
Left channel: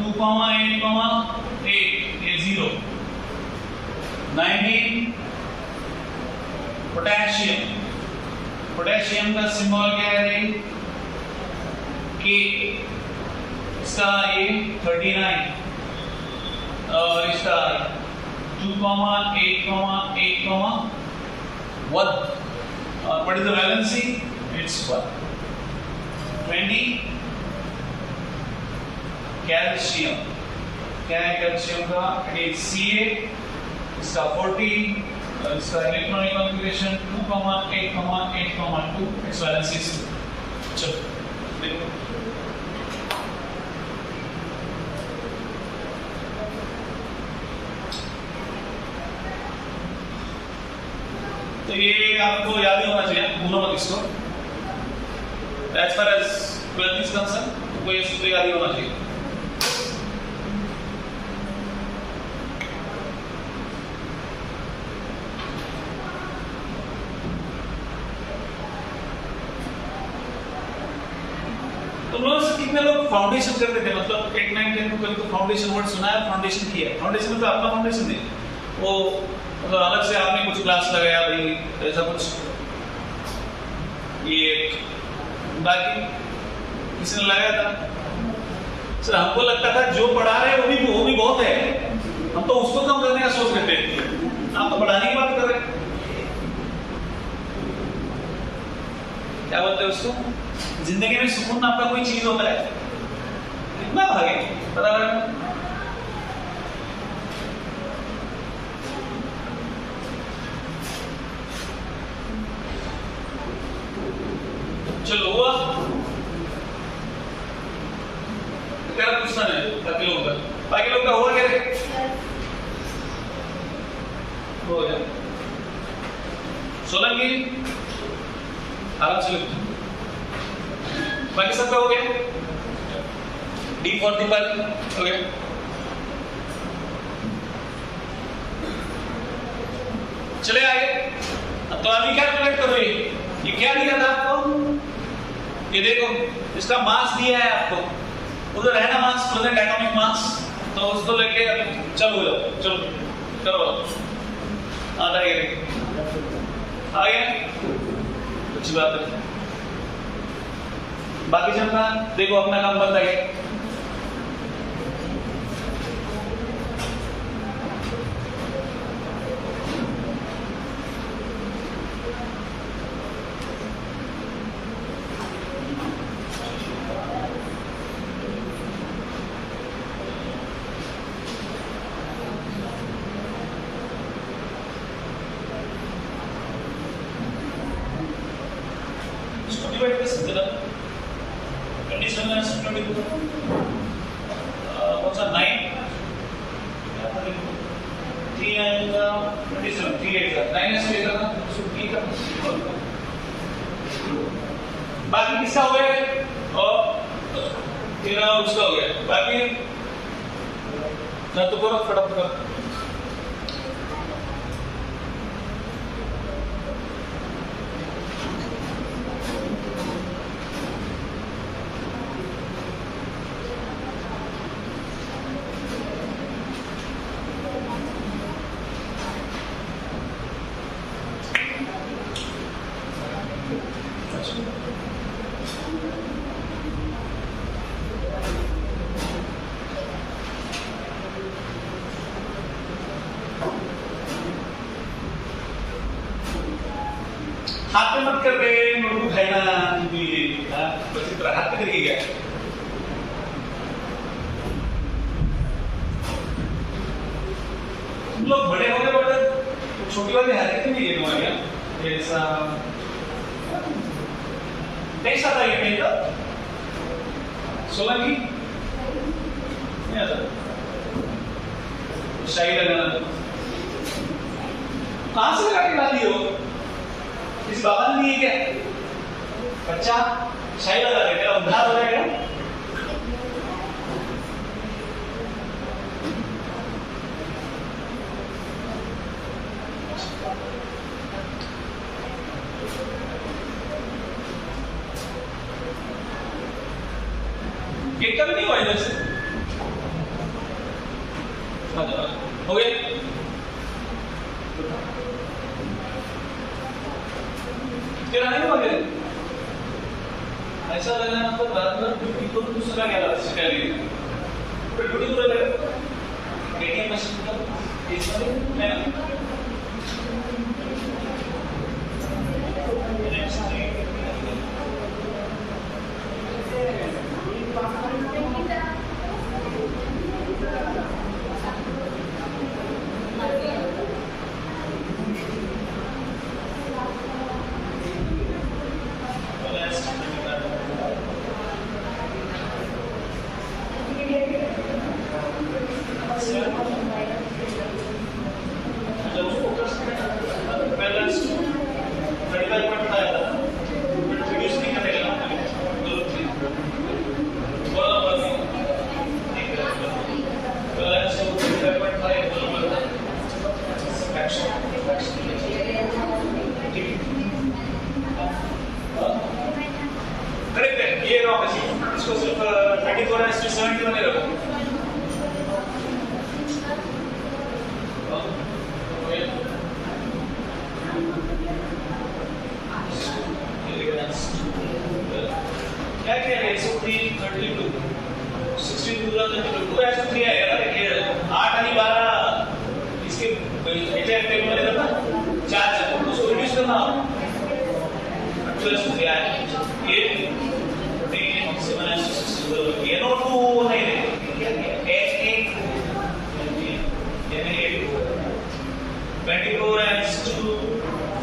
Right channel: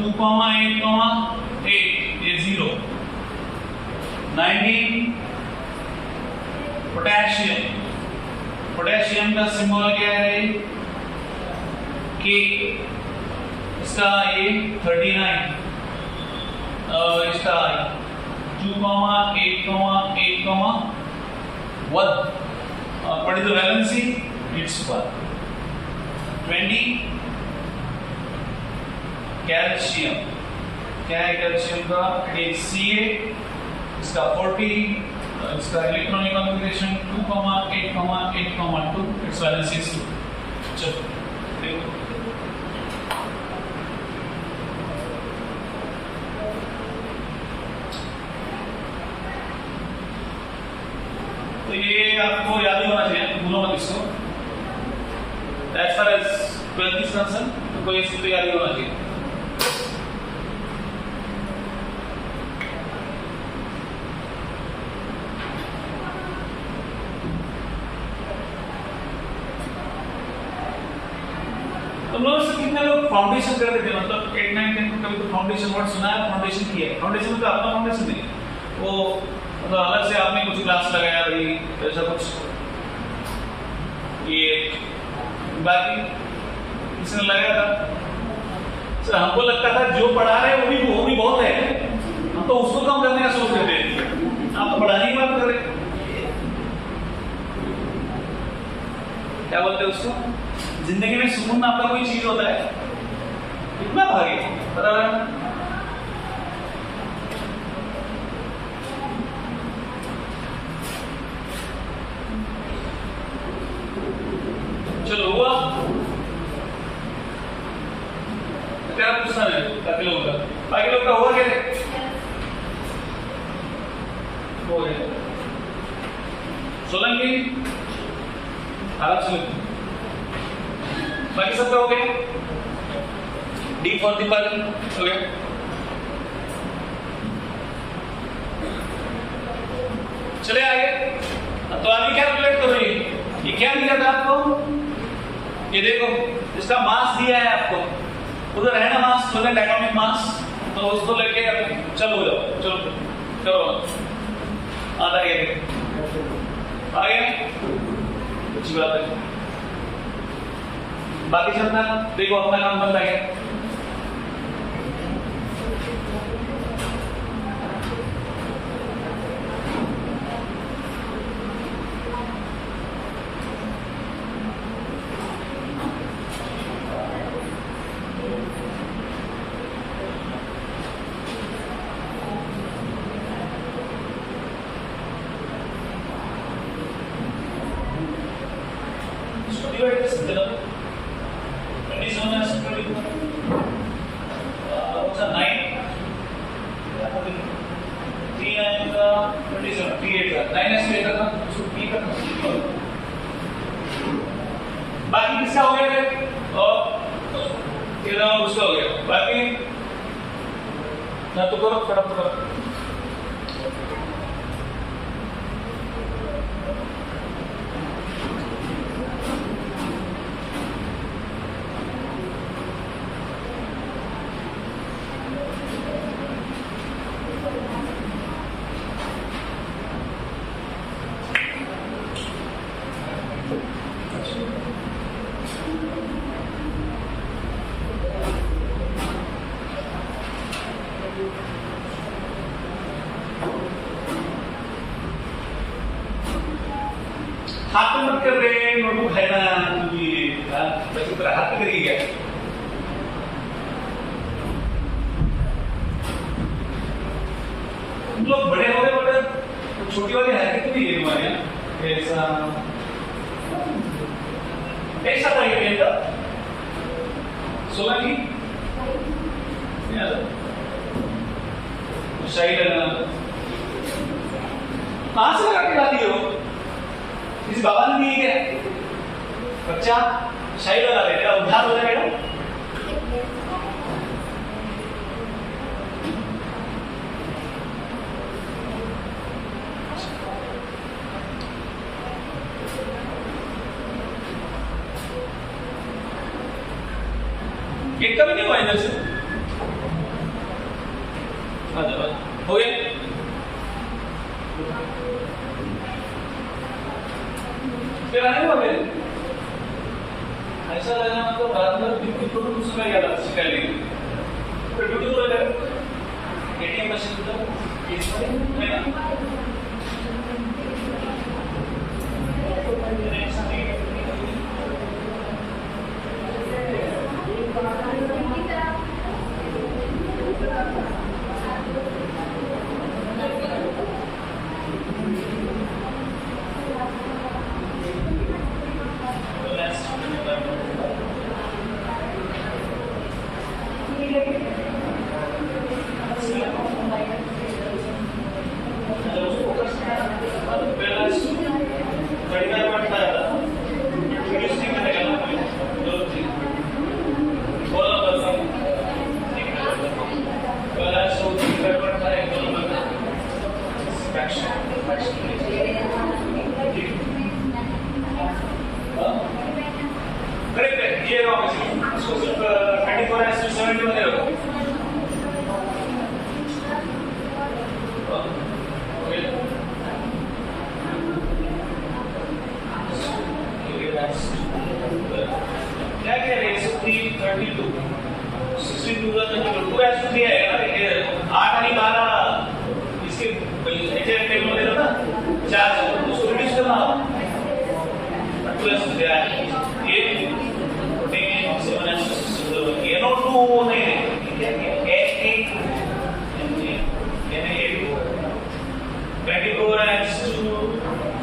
2,8,8 ये 0। 19 पोटेशियम का सिंबल क्या है? K। इसका ये 39 और इसका 2,8,8,1। What is the valency? It's 1. 20 calcium. क्या है कैल्शियम का? एक Ca। इसका 40। इसका इलेक्ट्रॉनिक कॉन्फ़िगरेशन 2,8,8,2। It's valency 2। चलो तो ये आपको याद होना चाहिए, भूलो मत इसको। As far as 12th is concern तुमको ये सूत्र याद ही होना चाहिए। तुम लोग से कितने लोग फाउंडेशन करते थे, मतलब 8 9 10 कभी तो फाउंडेशन वर्ड सुना है, फाउंडेशन किया है। फाउंडेशन में तो अपना फाउंडेशन नहीं, वो मतलब अलग से आपने कुछ क्लास लगाया भाई ऐसा कुछ, ये बाकी किसने लगाया था सर? हमको लगता था जो पढ़ा रहे वो भी बहुत है, हम तो उसको कम करने का सोच रहे थे, आप तो बढ़ाने की बात कर रहे हैं। क्या बोलते हैं उसको, जिंदगी में सुकून आपका कोई चीज होता है, कितना भागे पता है। चलो हुआ क्या पूछना है बाकी लोगों का, बाकी लोग का हुआ क्या हो गया? सोलंकी बाकी सबका हो गया, डी फॉर दीपाली हो गया। चले आगे, तो अभी क्या कैलकुलेट करो, ये क्या दिया था आपको, ये देखो इसका मास दिया है आपको, उधर है ना मास, प्रेजेंट एटॉमिक मास, तो उसको लेके चलो जाओ, चलो करो आगे आगे, अच्छी बात है। बाकी सब का देखो अपना काम बनता है। डिवाइड कैसे चला, 27 minus 24 what's a 9 3 9 का 27 3 8 का 9 ऐसे लेकर ना सो 3 का, बाकी किसका हो गया और 13 उसका हो गया, बाकी ना तो करो फटाफट करो। हाथ पे मत कर रहे, नोटबुक है ना तू भी, बच्चे तेरा हाथ पे करेगी क्या? तुम लोग बड़े हो गए बेटा, छोटी वाली हरकत नहीं है तुम्हारी, ऐसा कैसा था ये पेन का 16 की नहीं आता, शाही लगाना तो कहां से लगा के लाती हो, किसी बाबा ने दिए क्या? बच्चा शाही लगा रहे थे, उधार हो जाएगा। केक कभी नहीं हुआ इधर से, हो गया रहने वाले ऐसा लगा आपको रात में ड्यूटी को दूसरा गया सिखा ली, फिर ड्यूटी को लगा एटीएम मशीन का इसमें है ना, raised to 3 है 8 NO2 नहीं है N24 to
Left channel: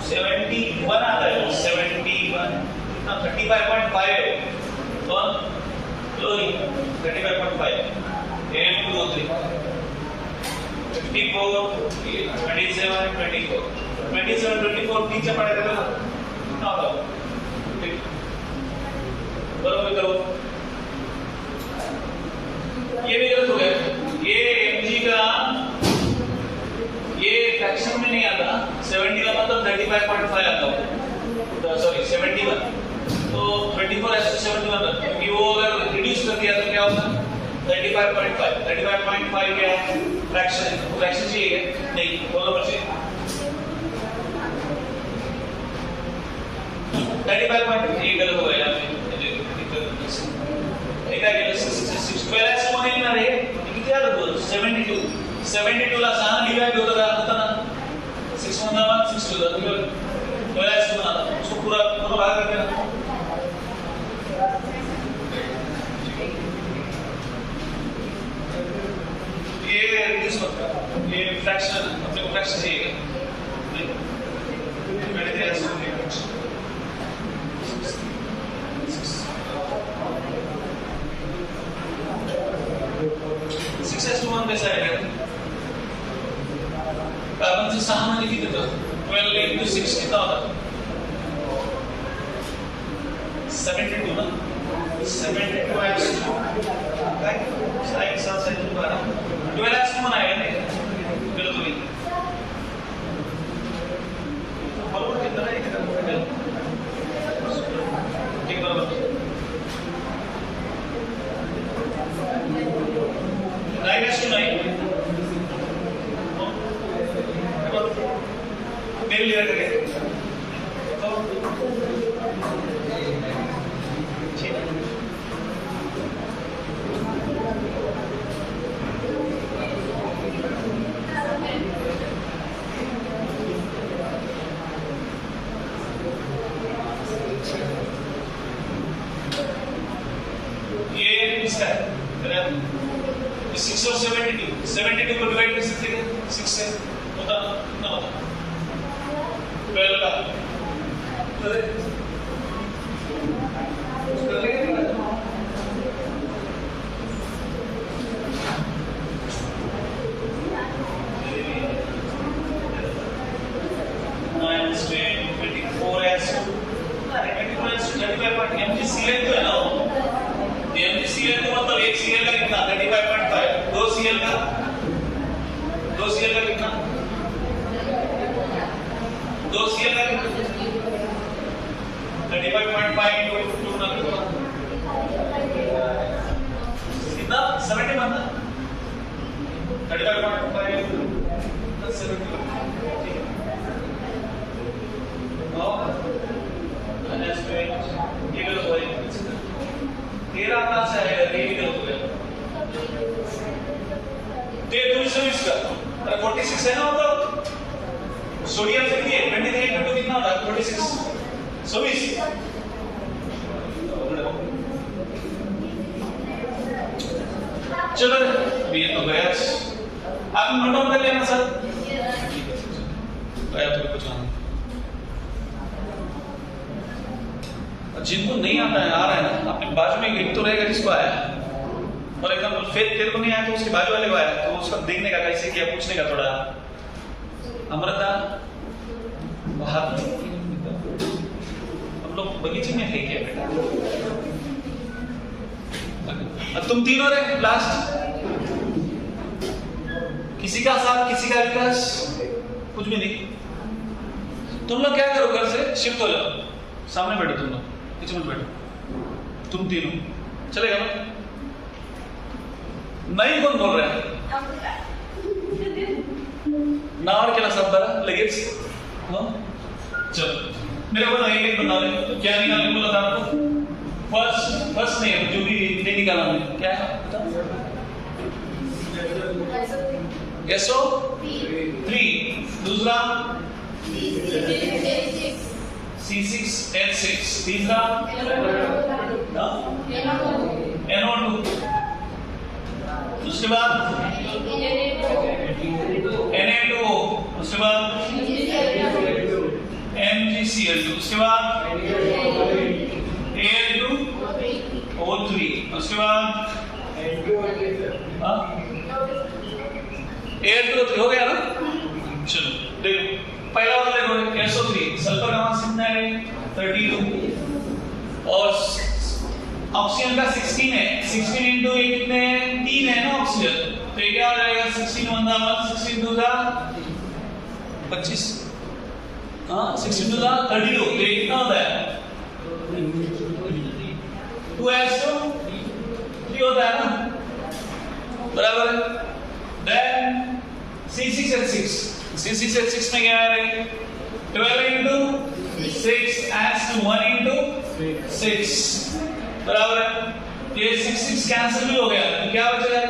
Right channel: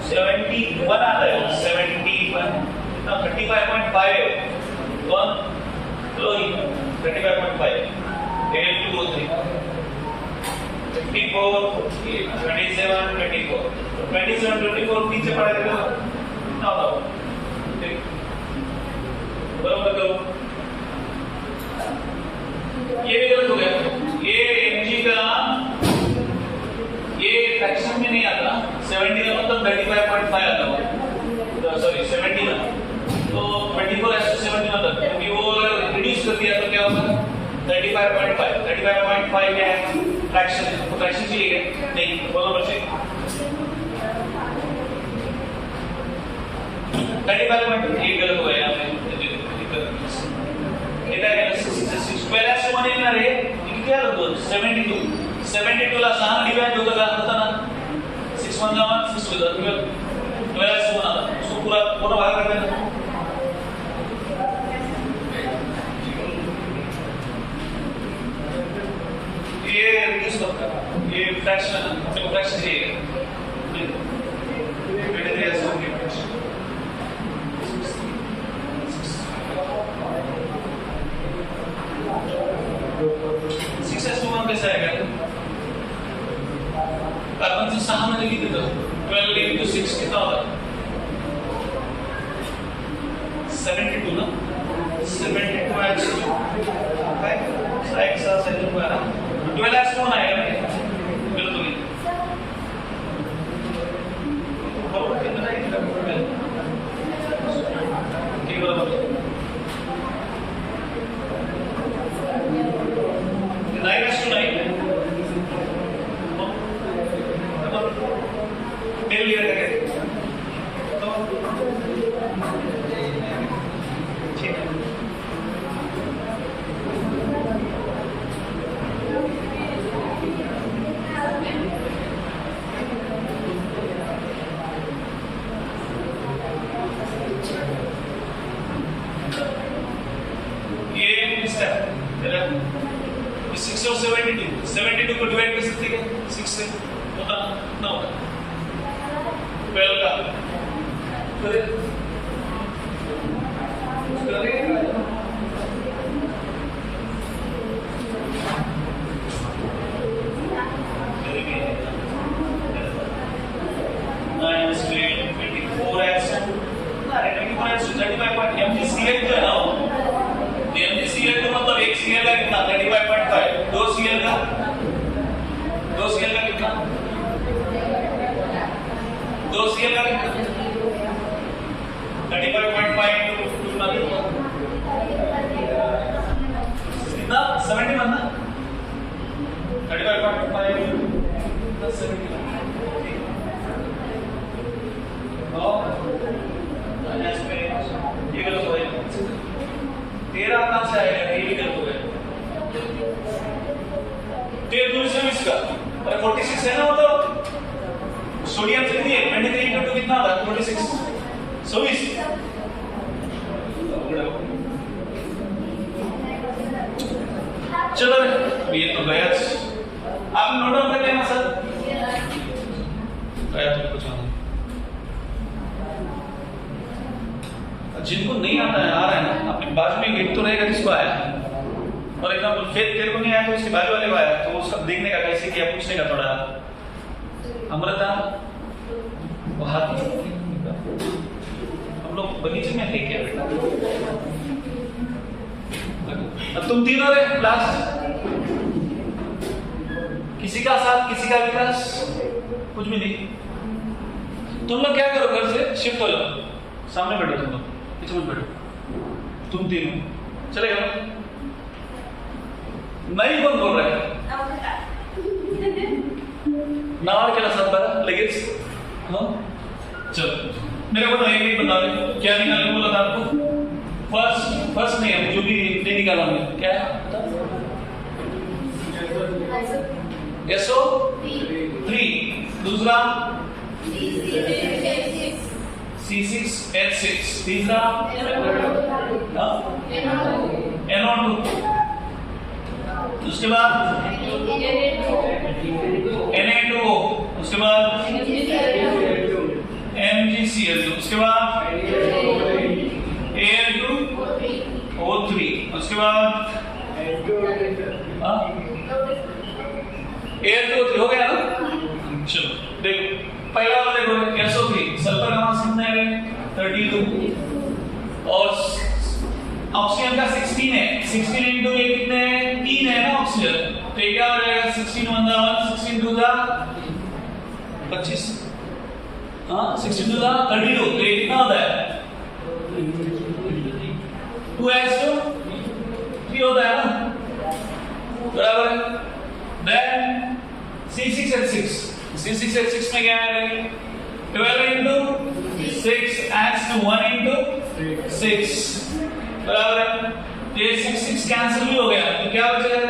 71 आता है 71 ना 35.5 है 1 chlorine 35.5 Al2O3 54 27 24 तीन से पढ़ा देगा ना बताओ बराबर करो ये भी गलत हो गया ये Mg का ये फ्रैक्शन में नहीं आता 70 का मतलब 35.5 आता होगा सॉरी 70 का तो 24 as to 70 मतलब क्योंकि वो अगर रिड्यूस कर दिया तो क्या होगा 35.5 क्या है फ्रैक्शन तो फ्रैक्शन चाहिए क्या नहीं बोलो बच्चे 35.5 ये गलत हो गया यहाँ पे स्क्वायर एस वन है ना रे ये क्या लगो 72 ला 6 डिवाइड होता ना 6 1 6 2 12 एस वन आता उसको पूरा भाग कर देना ये रिड्यूस मत कर ये फ्रैक्शन अपने फ्रैक्शन चाहिए मेरे एस वन के फ्रैक्शन 6s1 कैसा है कार्बन से 6 में लिखी तो 12 into 6 कितना होता 72 ना 72 x राइट साइड सा साइड हुआ ना 12s1 आएगा ना गलत हो गई बराबर कितना है इधर ठीक बराबर Nine as to 9. मेरे लिए करके तो ठीक है ये इसका 6 और 72 को डिवाइड कर सकते हैं 6 से होता ना होता 12 का करे सोडियम से कितनी है 23 इनटू कितना होता है 26 24 चलो ये तो गया आप नोट डाउन कर लेना सर गया तो कुछ आना जिनको नहीं आता है आ रहा है ना अपने बाजू में एक तो रहेगा जिसको आया फॉर एग्जांपल फिर तेरे को नहीं आया तो उसके बाजू वाले को आया तो उसका देखने का कैसे किया पूछने का थोड़ा अमृता हाथ हम लोग बगीचे में थे क्या बेटा अब तुम तीनों रहे लास्ट किसी का साथ किसी का विकास कुछ भी नहीं तुम लोग क्या करो घर से शिफ्ट हो जाओ सामने बैठो तुम लोग पीछे मत बैठो तुम तीनों चलेगा नहीं कौन बोल रहा है नावर केला साथ बारा लगेच हाँ चलो मेरे को तो एक बता रहे क्या निकालने बोला था आपको फर्स्ट नहीं है जो भी नहीं निकाला हमने क्या है SO3 दूसरा C6H6 तीसरा NO2 उसके बाद Na2O उसके बाद MgCl2 उसके बाद Al2O3 उसके बाद Al2O3 हो गया ना। चलो देखो पहला वाला देखो SO3 सल्फर का मास कितना है 32 और ऑक्सीजन का 16 है 16 इनटू ये कितने हैं 3 है ना ऑक्सीजन तो ये क्या हो जाएगा 16 1 16 2 25 हां 16 2 32 तो ये कितना होता है 2s2 3 होता है ना बराबर। देन C6H6 C6H6 में क्या है 12 into 6 adds to 1 into 6 बराबर है। ये 6 कैंसिल भी हो गया तो क्या बचेगा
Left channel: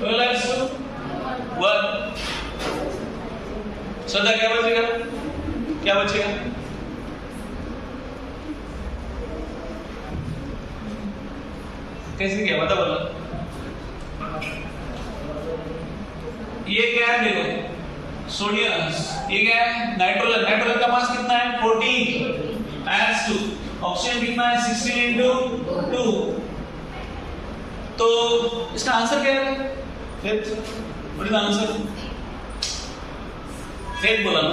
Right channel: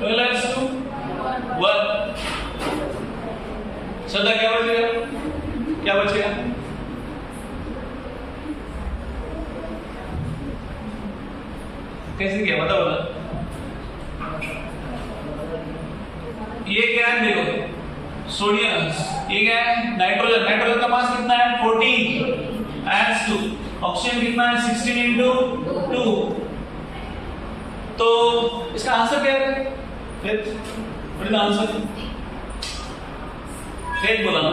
12 adds to 1 सदा क्या बचेगा कैसे क्या बताओ ये क्या है देखो सोडियम ये क्या है नाइट्रोजन का मास कितना है 14 adds to ऑक्सीजन कितना है 16 into 2 तो इसका आंसर क्या है fifth what is answer fifth बोला ना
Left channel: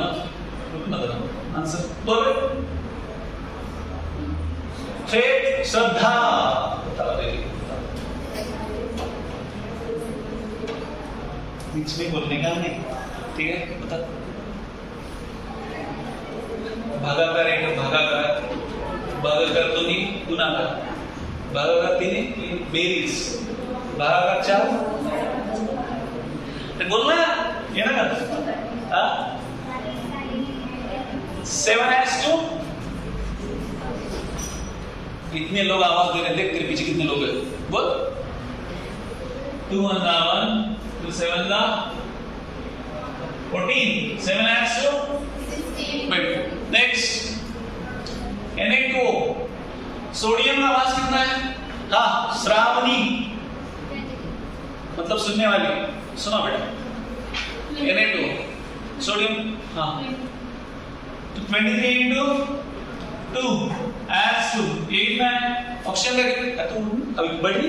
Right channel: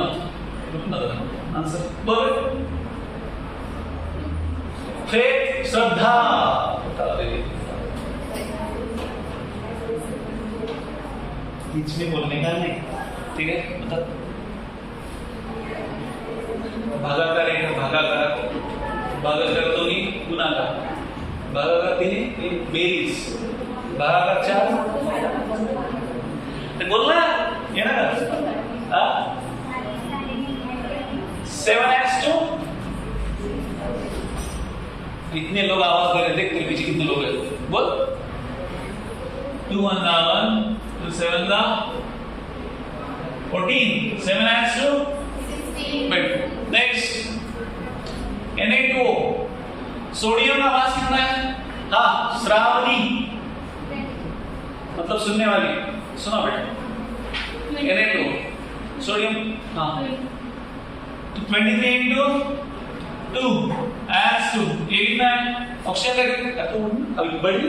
रुकना जरा आंसर बोलो फिफ्थ श्रद्धा बता दे बीच में बोलने का नहीं ठीक है बता भागाकार एक भागाकार तो नहीं गुणाकार भागाकार तीन बेरीज भागाकार 4 बोलना है ना 7s2 इतने लोग आवाज दे रहे देख तेरे पीछे कितने लोग हैं बोल 2 1 2 7 14 7s2 नेक्स्ट Na2O सोडियम का मास कितना है हाँ श्रावणी मतलब सुनने वाली सुना बेटा Na2O सोडियम हाँ 23 into 2 adds to ये कितना है ऑक्सीजन का कितना तो अभी बढ़ी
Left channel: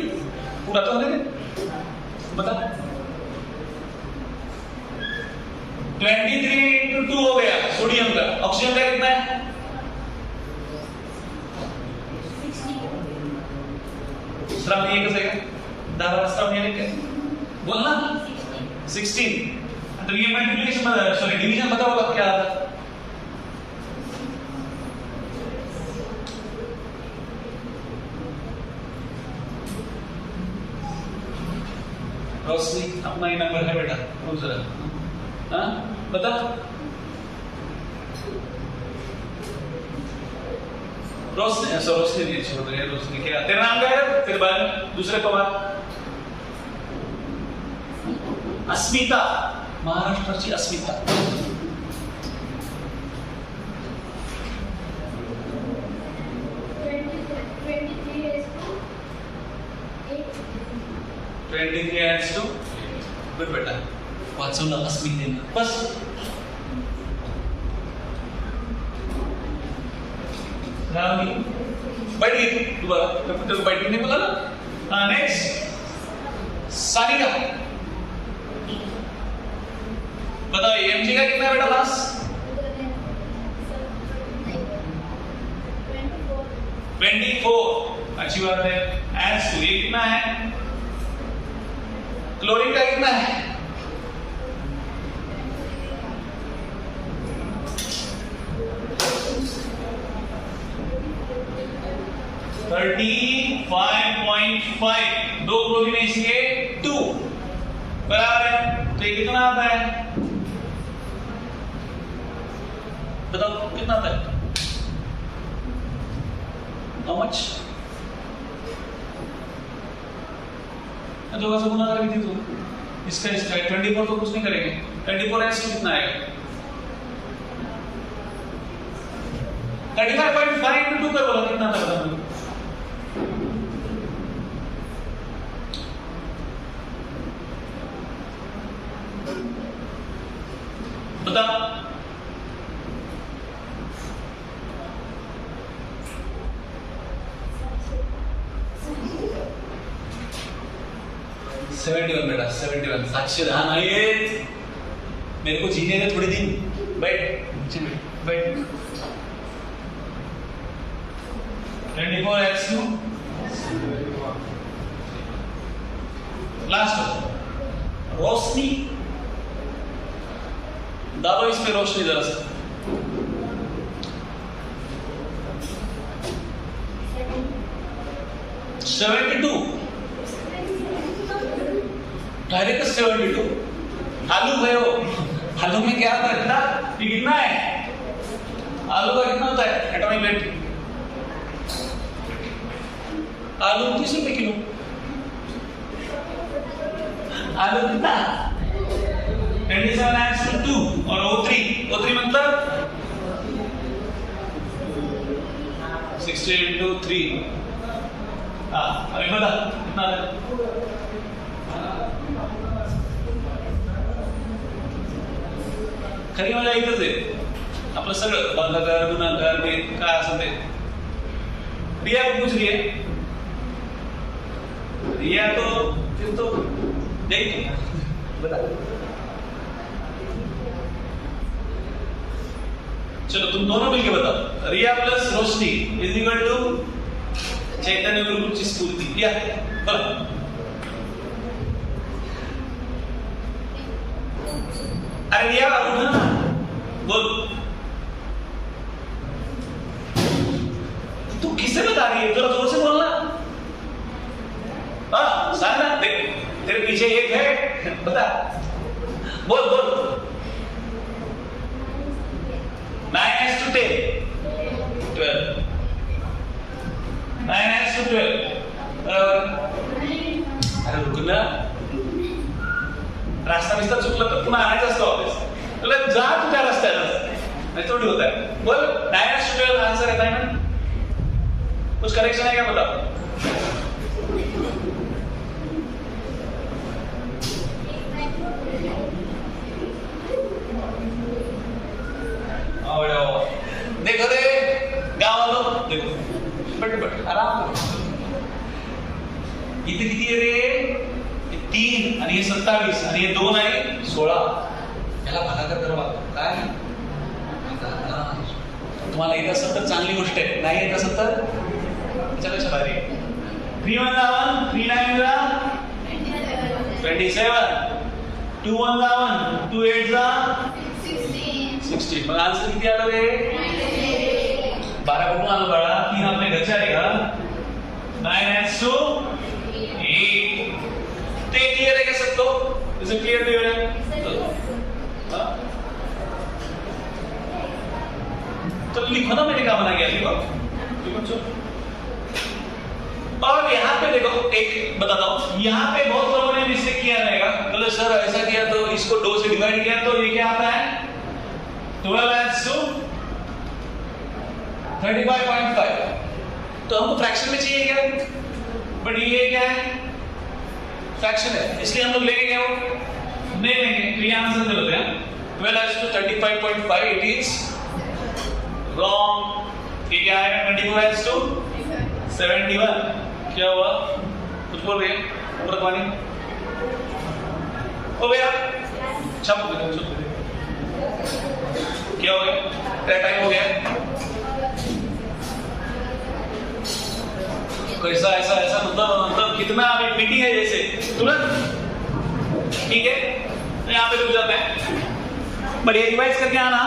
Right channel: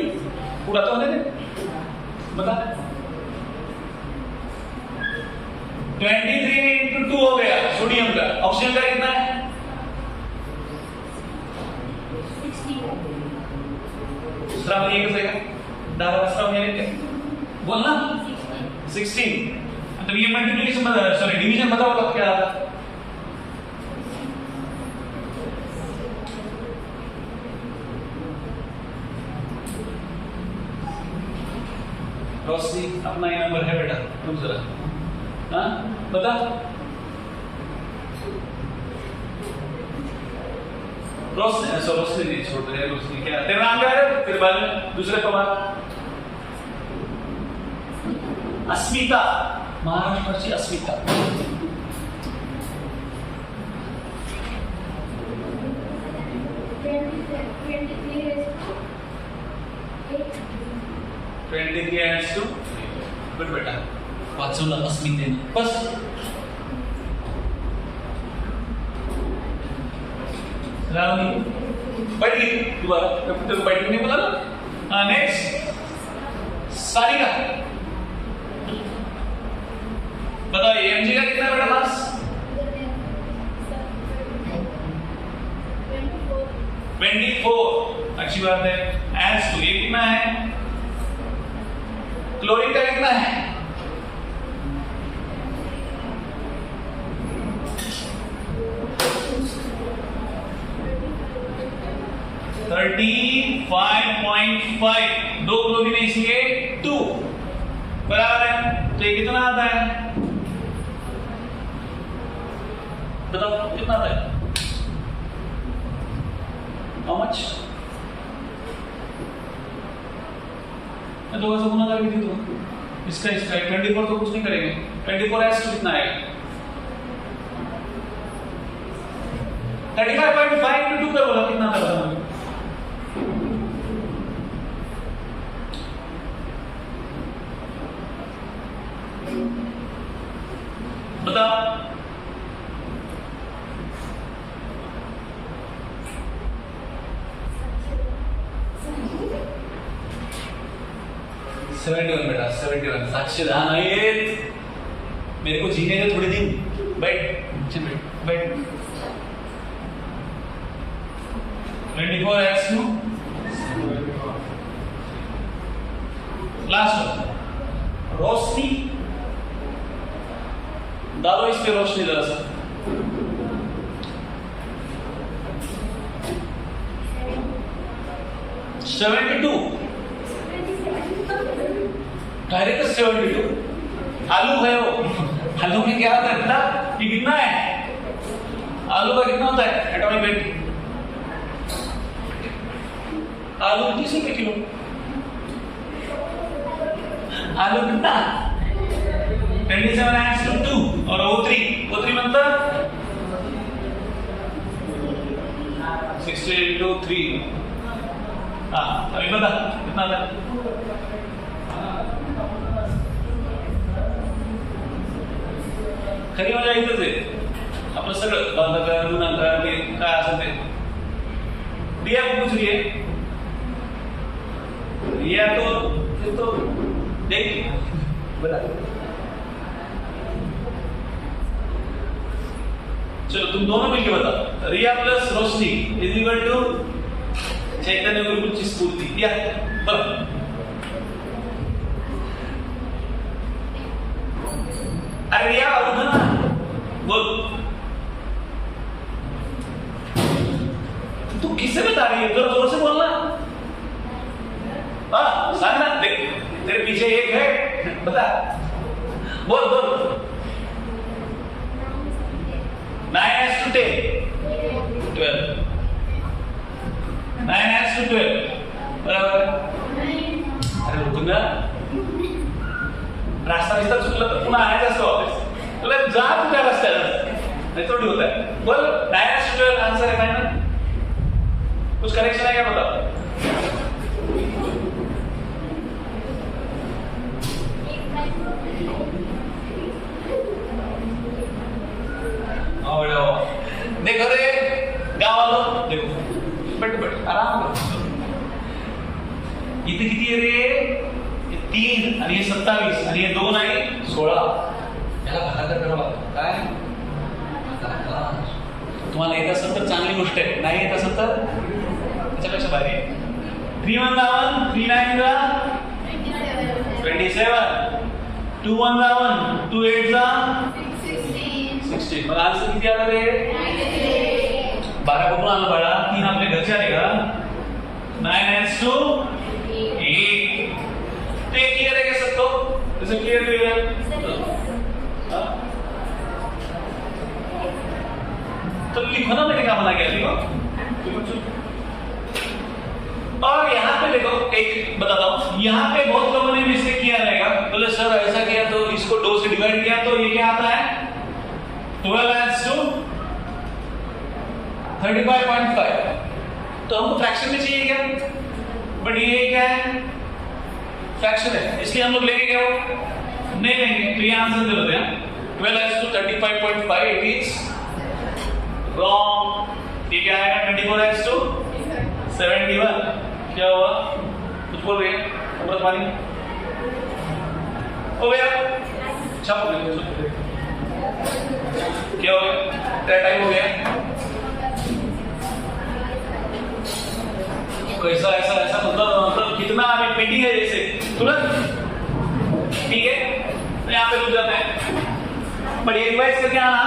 पूरा तो होने दे बता 23 into 2 हो गया सोडियम का ऑक्सीजन का कितना है 60 श्रावणी ये कैसे दारा श्रावणी लेके बोलना 16 तो ये मल्टीप्लिकेशन सॉरी डिवीजन बताओ क्या आता है रोशनी अपना ही नंबर है बेटा रुक जरा हाँ बता रोशनी नहीं छोड़ रहे रोशनी क्या तेरा नाम क्या है तेरे बारे में दूसरे पवार अस्मिता महाराष्ट्र की अस्मिता 23 adds to good बेटा वाचवला अस्मितेने बस रावणी बैठी दोबारा तो बैठी नहीं बोला ना हाँ नेक्स्ट सानिका बताओ एमजी का कितना है बेटा मास 24 अच्छी बात है adds to ये कितना है क्लोरीन का कितना है 35.5 दो क्लोरीन है इसलिए 2 बराबर है तो ये कितना आता है बताओ कितना आता है हाउ मच तो वैसे गुना करेंगे तो इसका 24 तो कुछ नहीं करेंगे 24 एस कितना आएगा 35.5 into 2 कर बोला, कितना था बता? बता। 71 बेटा, 71। 710 नहीं, मेरे को जीने दे थोड़े दिन। बैठ बैठ। 24x2 लास्ट रोशनी डालो इस पे, रोशनी जरा सा। 72 डायरेक्ट 72 आलू है वो। आलू में क्या होता है? ये कितना है? आलू का कितना होता है एटॉमिक वेट? आलू 30 रुपए किलो। आलू कितना? 27x2 और O3 मतलब 60 into 3। अभी बता कितना था? खरी मजा इथंच आहे आपलं सगळं, भागाकार गुणाकार ते काय असं ते। रिया को पूछ रही है, रिया तो फिर तो देख बता। चलो तुम दोनों मिलके बता। Riya plus Roshni is equal to Chaitanya Gurukul की स्फूर्ति। या बोला। अरे रिया उठ ना, बोल। तू किससे बता रही है? थोड़ा जोर से बोलना। हाँ सांग ना, देख तेरे पीछे एक है, बता। बोल बोल। 9x2 12 9x2 बराबर। अरे रुक ना, रास्ता बिस्ता चुकला तर पुन्हा आणायचं असतं वापस। तुला जा तू त्या रस्त्याला, नाही थोडी होत आहे। बोल 9x2 आंसर येत आहे ना? कुछ करेक्शन है क्या बता? देखो रे गाँव वालों, देखो बट बट आराम करो। इथे किती आहे रे? 3 आणि हे 27 आणि हे 2 आहे 16। याला भागाकार करावा काय? तुम्हाला येत असेल तर चांगली गोष्ट आहे, नाही येत असेल तर त्याच्यापेक्षा भारी आहे। 3 1 जा 1, 3 9 जा 27, 2 1 जा 1, 2 8 जा 16। मग आन्सर किती आलं रे? 12 कुठून आलं बाळा? 3 आपले घरचे आहे का? 9x2 8। तो ये क्लियर है क्या सबको? इसे क्लियर नहीं है? तो लिखो ना, मैंने क्या बना गया, लिखो। और यहाँ पे देखो, एक बताता हूँ, यहाँ पे बहुत लोगों ने मिस्टेक किया रहेगा। बोले सर ऐसा किया तो इसको 2 से डिवाइड किया तो ये क्या आता है? 12x2 35.5। तो हमको फ्रैक्शन में चाहिए क्या? बट ये क्या है? फ्रैक्शन है, इसलिए हम लोग लेंगे क्या? वो नहीं लेंगे। तो ये आंसर दे देते हैं 12x2 35.5। It is wrong. ये क्या है? 24x2 71। क्या हुआ? कुछ बोल रही है अमृतवाणी? हो गया? छप गया। क्या हो गया? क्या टाइम हो गया? कैसा ऐसा ऐसा मतलब कितना अभी मीटिंग है जैसे तुरंत। ठीक है, तो यहाँ पे रुक जाते हैं। बढ़िया रिवाइज करके आना।